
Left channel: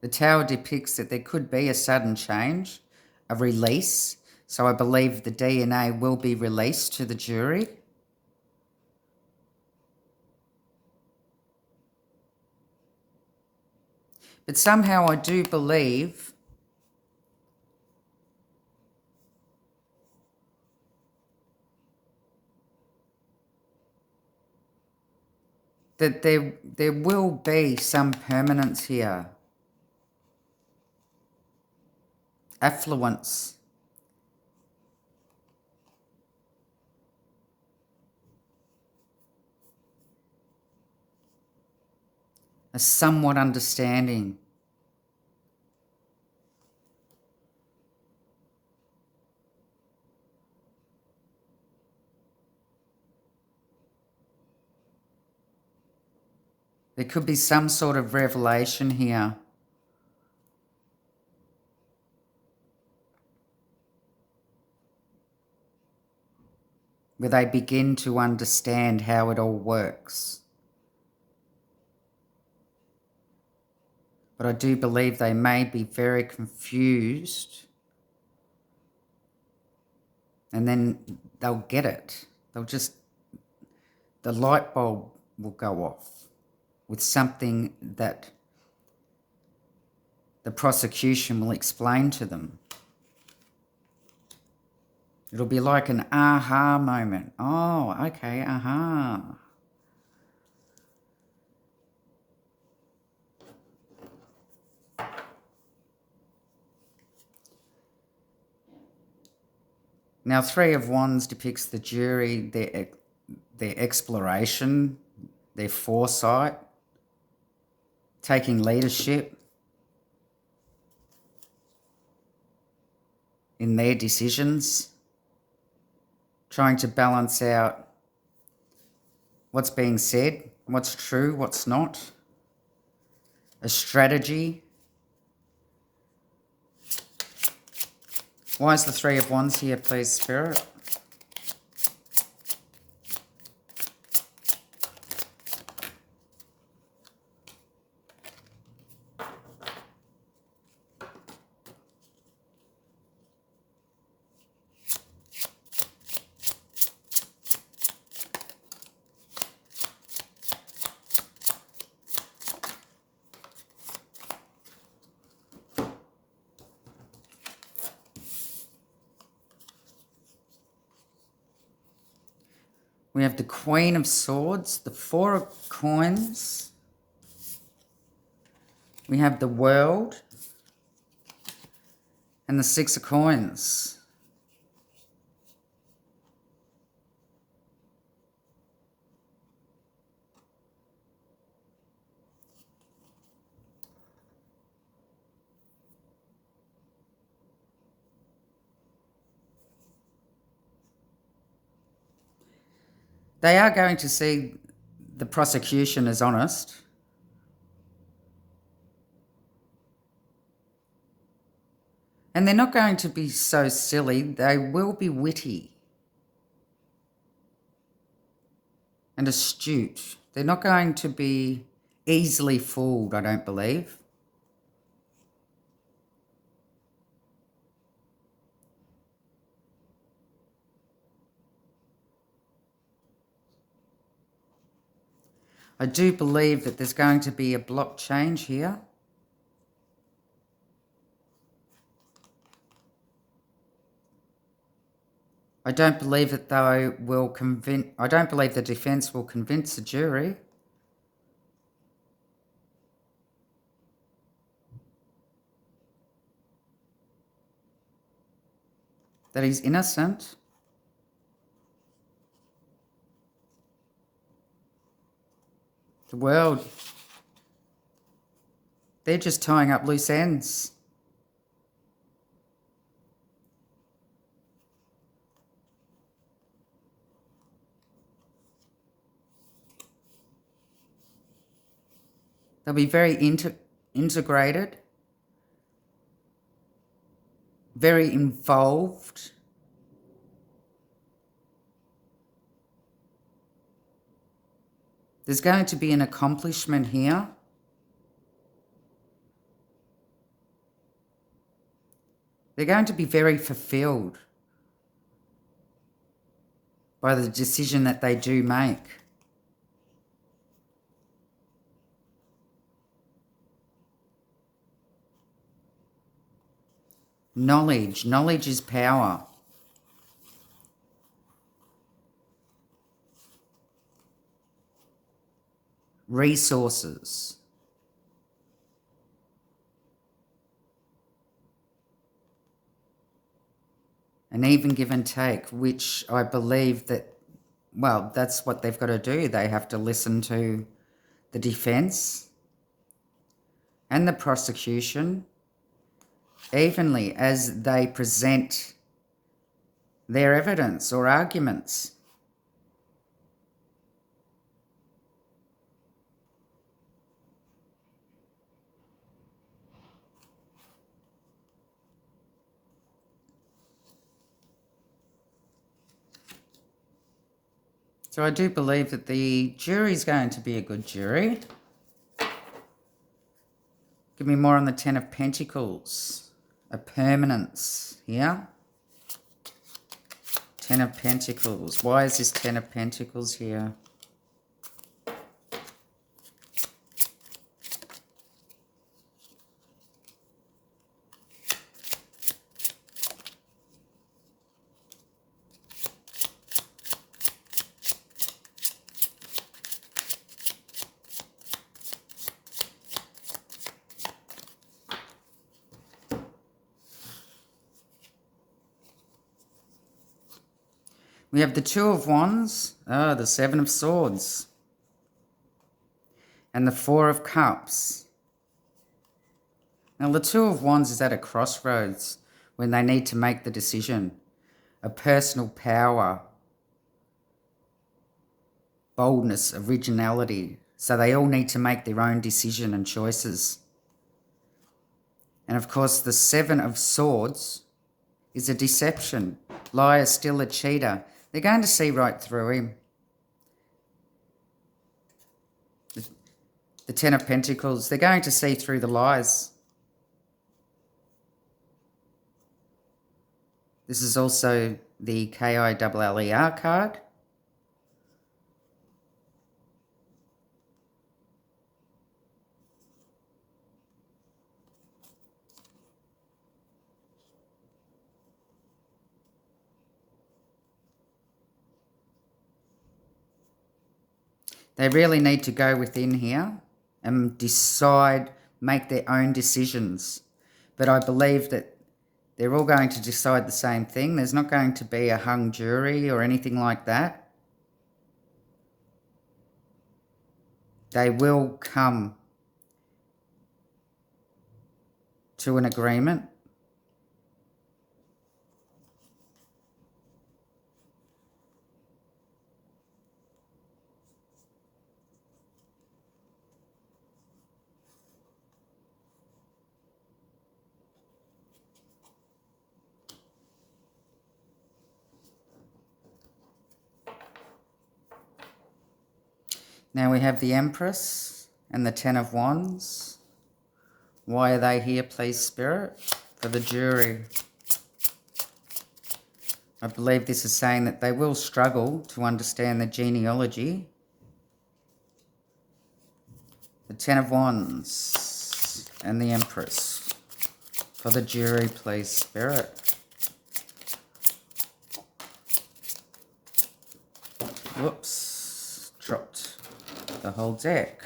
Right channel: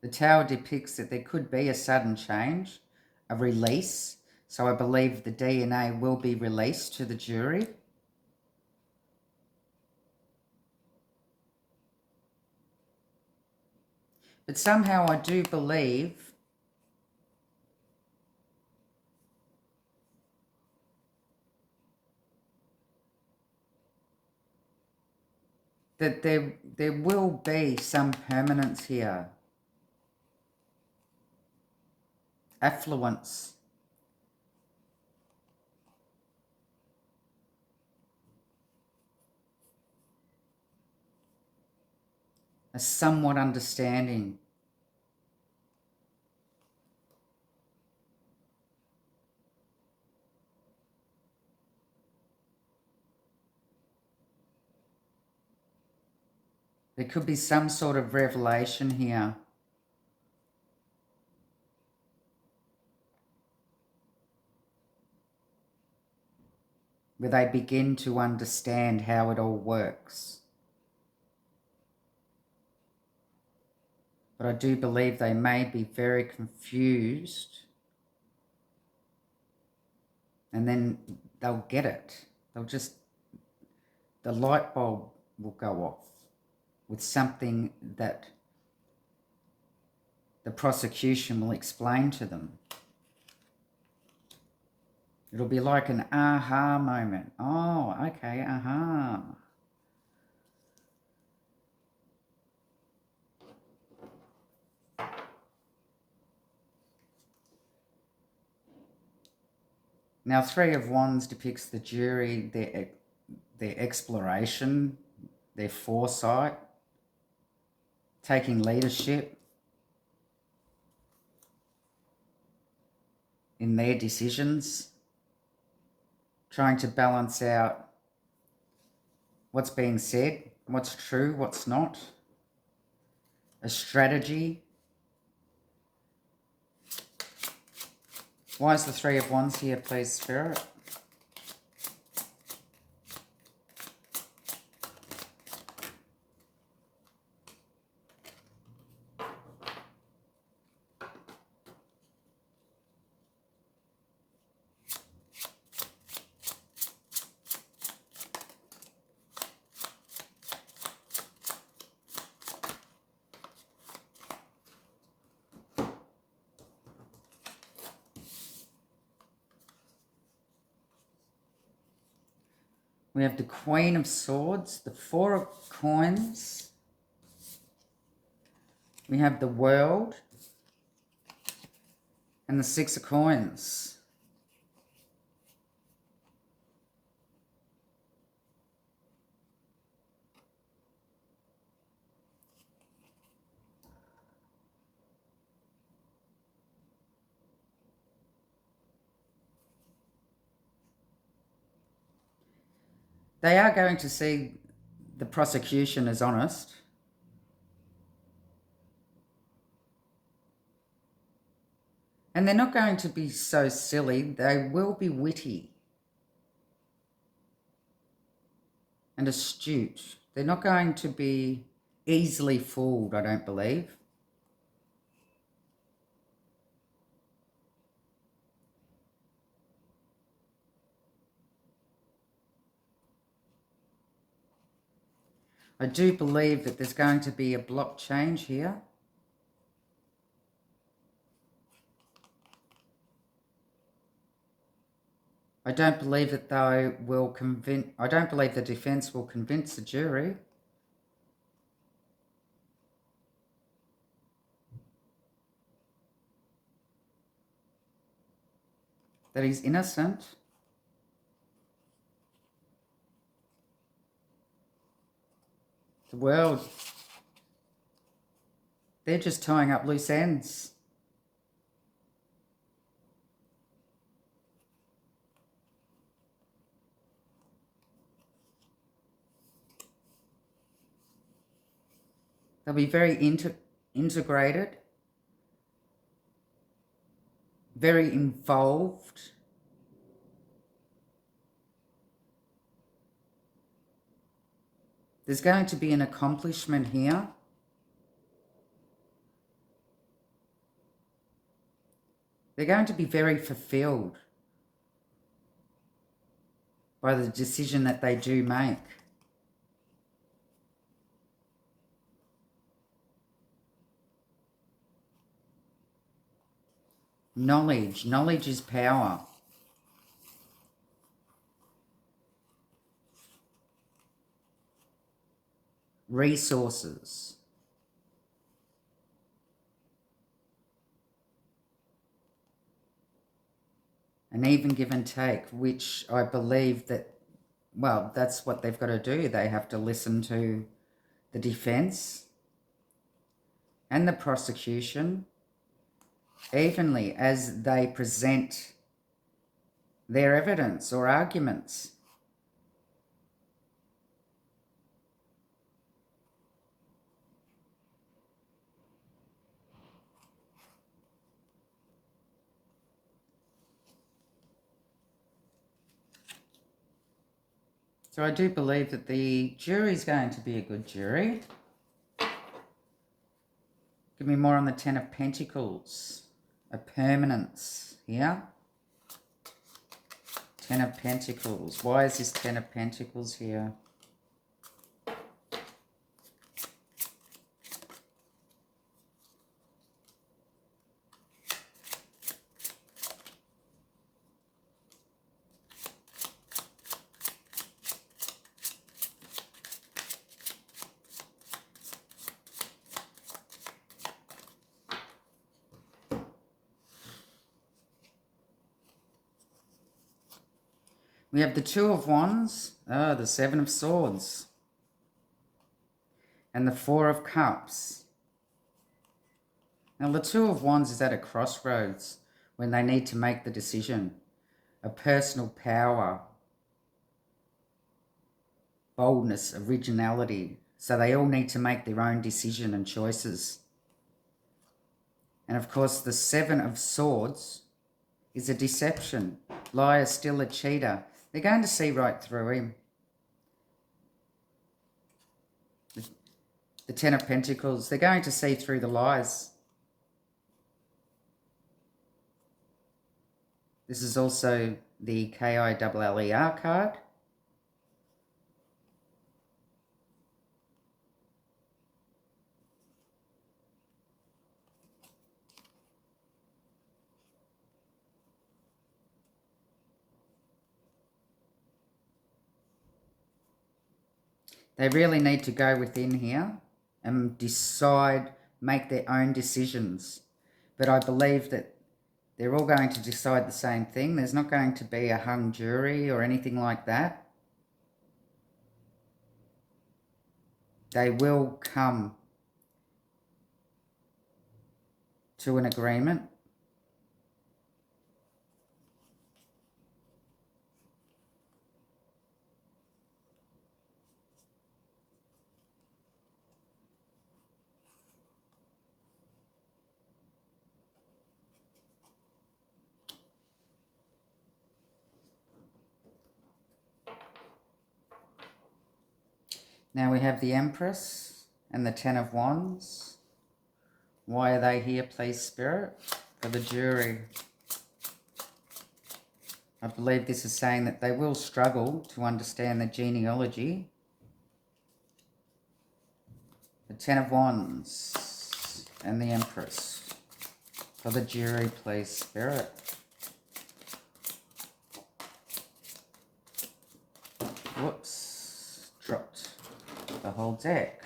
The Tower depicts that there could be a sudden change, a release. So I believe the DNA will be released to the jury. But somehow I do believe that there will be some permanence here. Affluence. A somewhat understanding. There could be some sort of revelation here. Where they begin to understand how it all works. But I do believe they may be very confused. And then they'll get it. The light bulb will go off with something that the prosecution will explain to them. It'll be like an aha moment. Oh, okay, aha. Now, Three of Wands depicts the jury, their exploration, their foresight, taking leadership in their decisions, trying to balance out what's being said, what's true, what's not, a strategy. Why is the Three of Wands here, please, Spirit? We have the Queen of Swords, the Four of Coins. We have the World and the Six of Coins. They are going to see the prosecution as honest. And they're not going to be so silly. They will be witty and astute. They're not going to be easily fooled, I don't believe. I do believe that there's going to be a block change here. I don't believe that they will convince, I don't believe the defence will convince the jury that he's innocent. The world, they're just tying up loose ends. They'll be very integrated, very involved. There's going to be an accomplishment here. They're going to be very fulfilled by the decision that they do make. Knowledge. Knowledge is power. Resources. And even give and take, which I believe that, well, that's what they've got to do. They have to listen to the defence and the prosecution evenly as they present their evidence or arguments. So I do believe that the jury is going to be a good jury. Give me more on the Ten of Pentacles. A permanence here. Ten of Pentacles. Why is this Ten of Pentacles here? We have the Two of Wands, the Seven of Swords, and the Four of Cups. Now, the Two of Wands is at a crossroads when they need to make the decision. A personal power, boldness, originality. So they all need to make their own decision and choices. And of course, the Seven of Swords is a deception. Liar, still a cheater. They're going to see right through him. The Ten of Pentacles, they're going to see through the lies. This is also the KILLER card. They really need to go within here and decide, make their own decisions. But I believe that they're all going to decide the same thing. There's not going to be a hung jury or anything like that. They will come to an agreement. Now we have the Empress and the Ten of Wands. Why are they here, please, Spirit? For the jury. I believe this is saying that they will struggle to understand the genealogy. The Ten of Wands and the Empress. For the jury, please, Spirit. Whoops. Dropped the whole deck.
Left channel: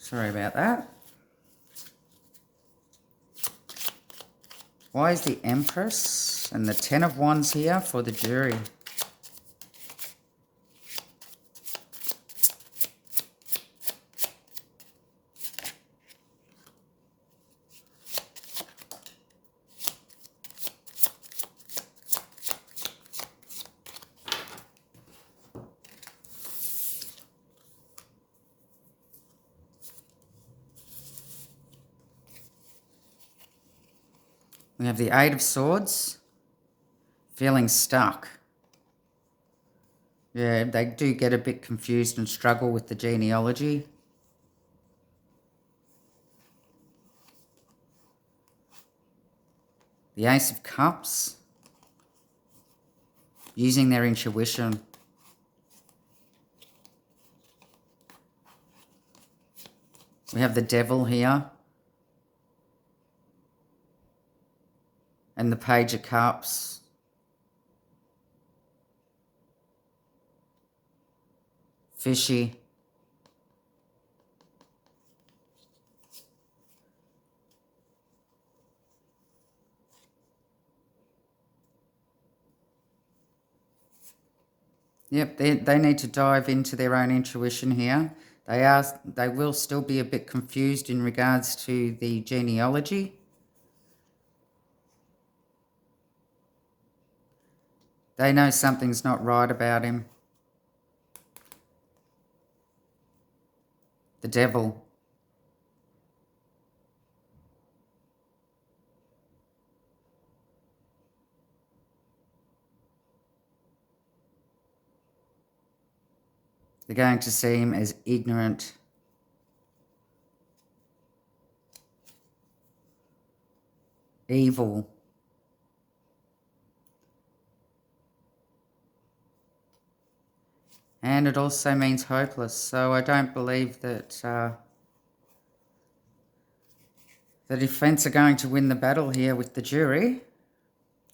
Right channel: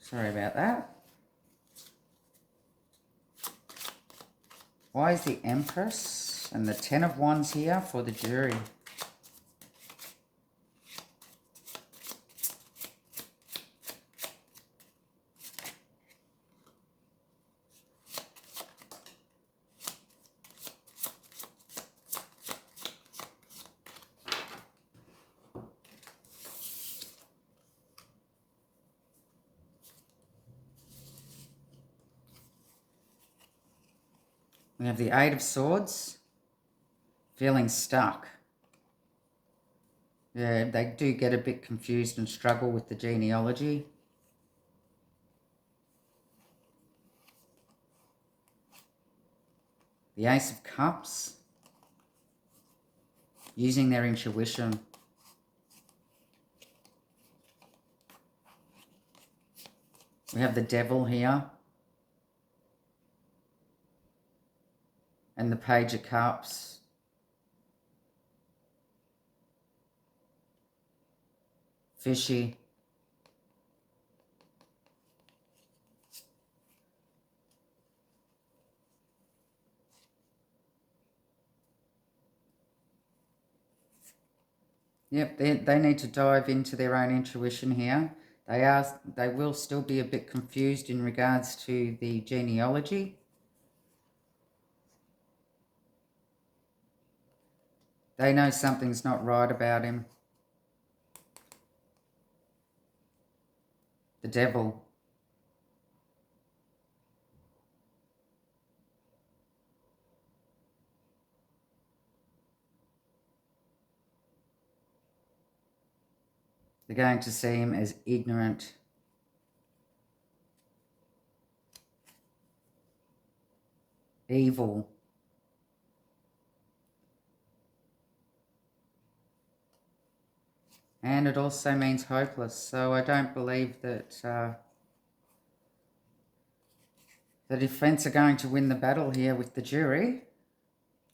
Sorry about that. Why is the Empress and the Ten of Wands here for the jury? We have the Eight of Swords, feeling stuck. Yeah, they do get a bit confused and struggle with the genealogy. The Ace of Cups, using their intuition. We have the Devil here. And the Page of Cups. Fishy. Yep, they need to dive into their own intuition here. They will still be a bit confused in regards to the genealogy. They know something's not right about him. The Devil. They're going to see him as ignorant. Evil. And it also means hopeless. So I don't believe that the defense are going to win the battle here with the jury,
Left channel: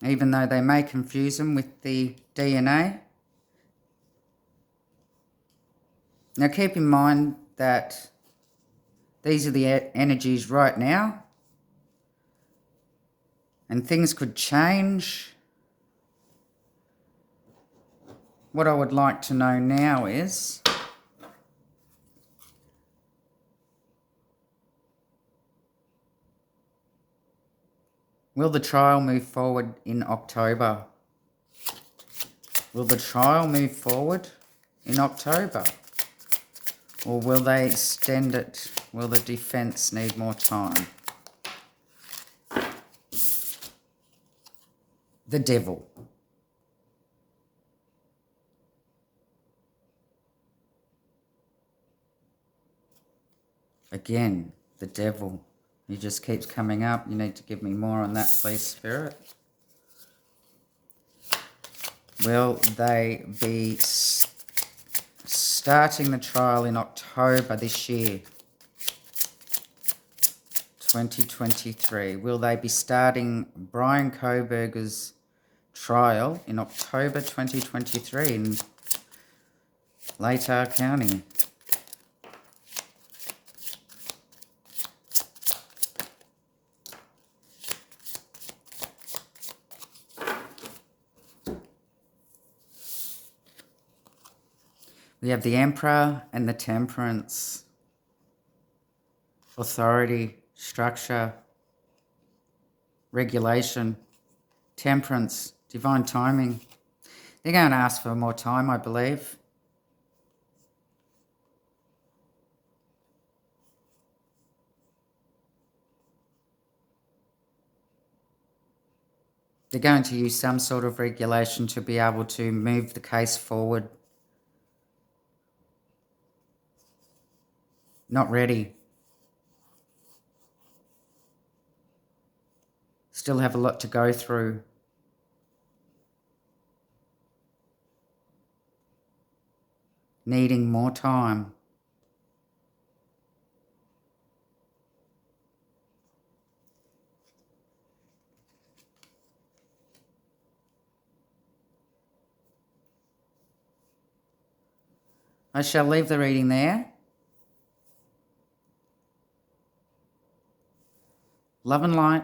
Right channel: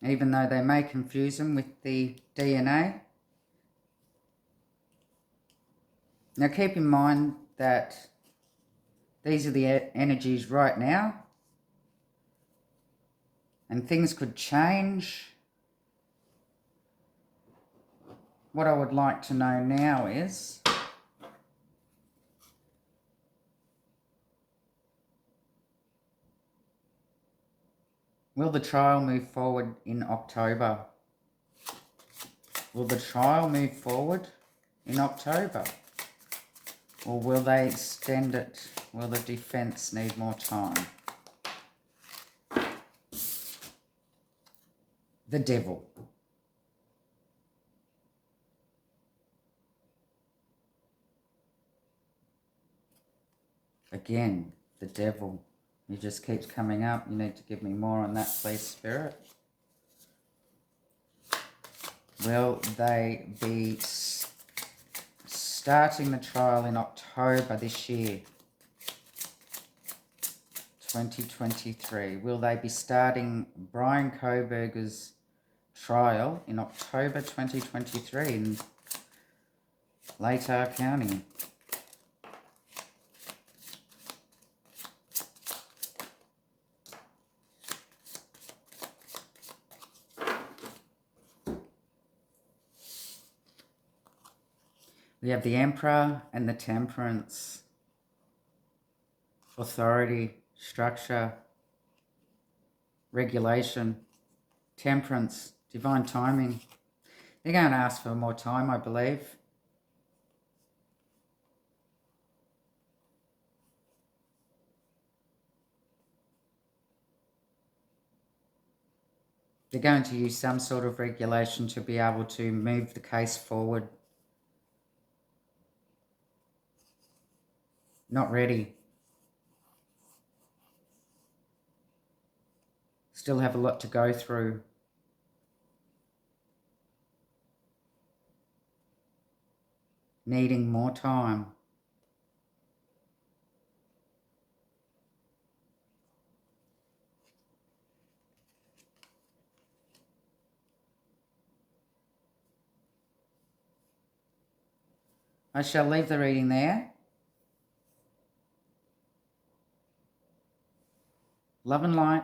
even though they may confuse them with the DNA. Now keep in mind that these are the energies right now, and things could change. What I would like to know now is, will the trial move forward in October? Will the trial move forward in October? Or will they extend it? Will the defense need more time? The Devil. Again, the Devil. He just keeps coming up. You need to give me more on that, please, Spirit. Will they be starting the trial in October this year? 2023. Will they be starting Bryan Kohbergers' trial in October 2023 in Latah County? We have the Emperor and the Temperance. Authority, structure, regulation, temperance, divine timing. They're going to ask for more time, I believe. They're going to use some sort of regulation to be able to move the case forward. Not ready. Still have a lot to go through. Needing more time. I shall leave the reading there. Love and light.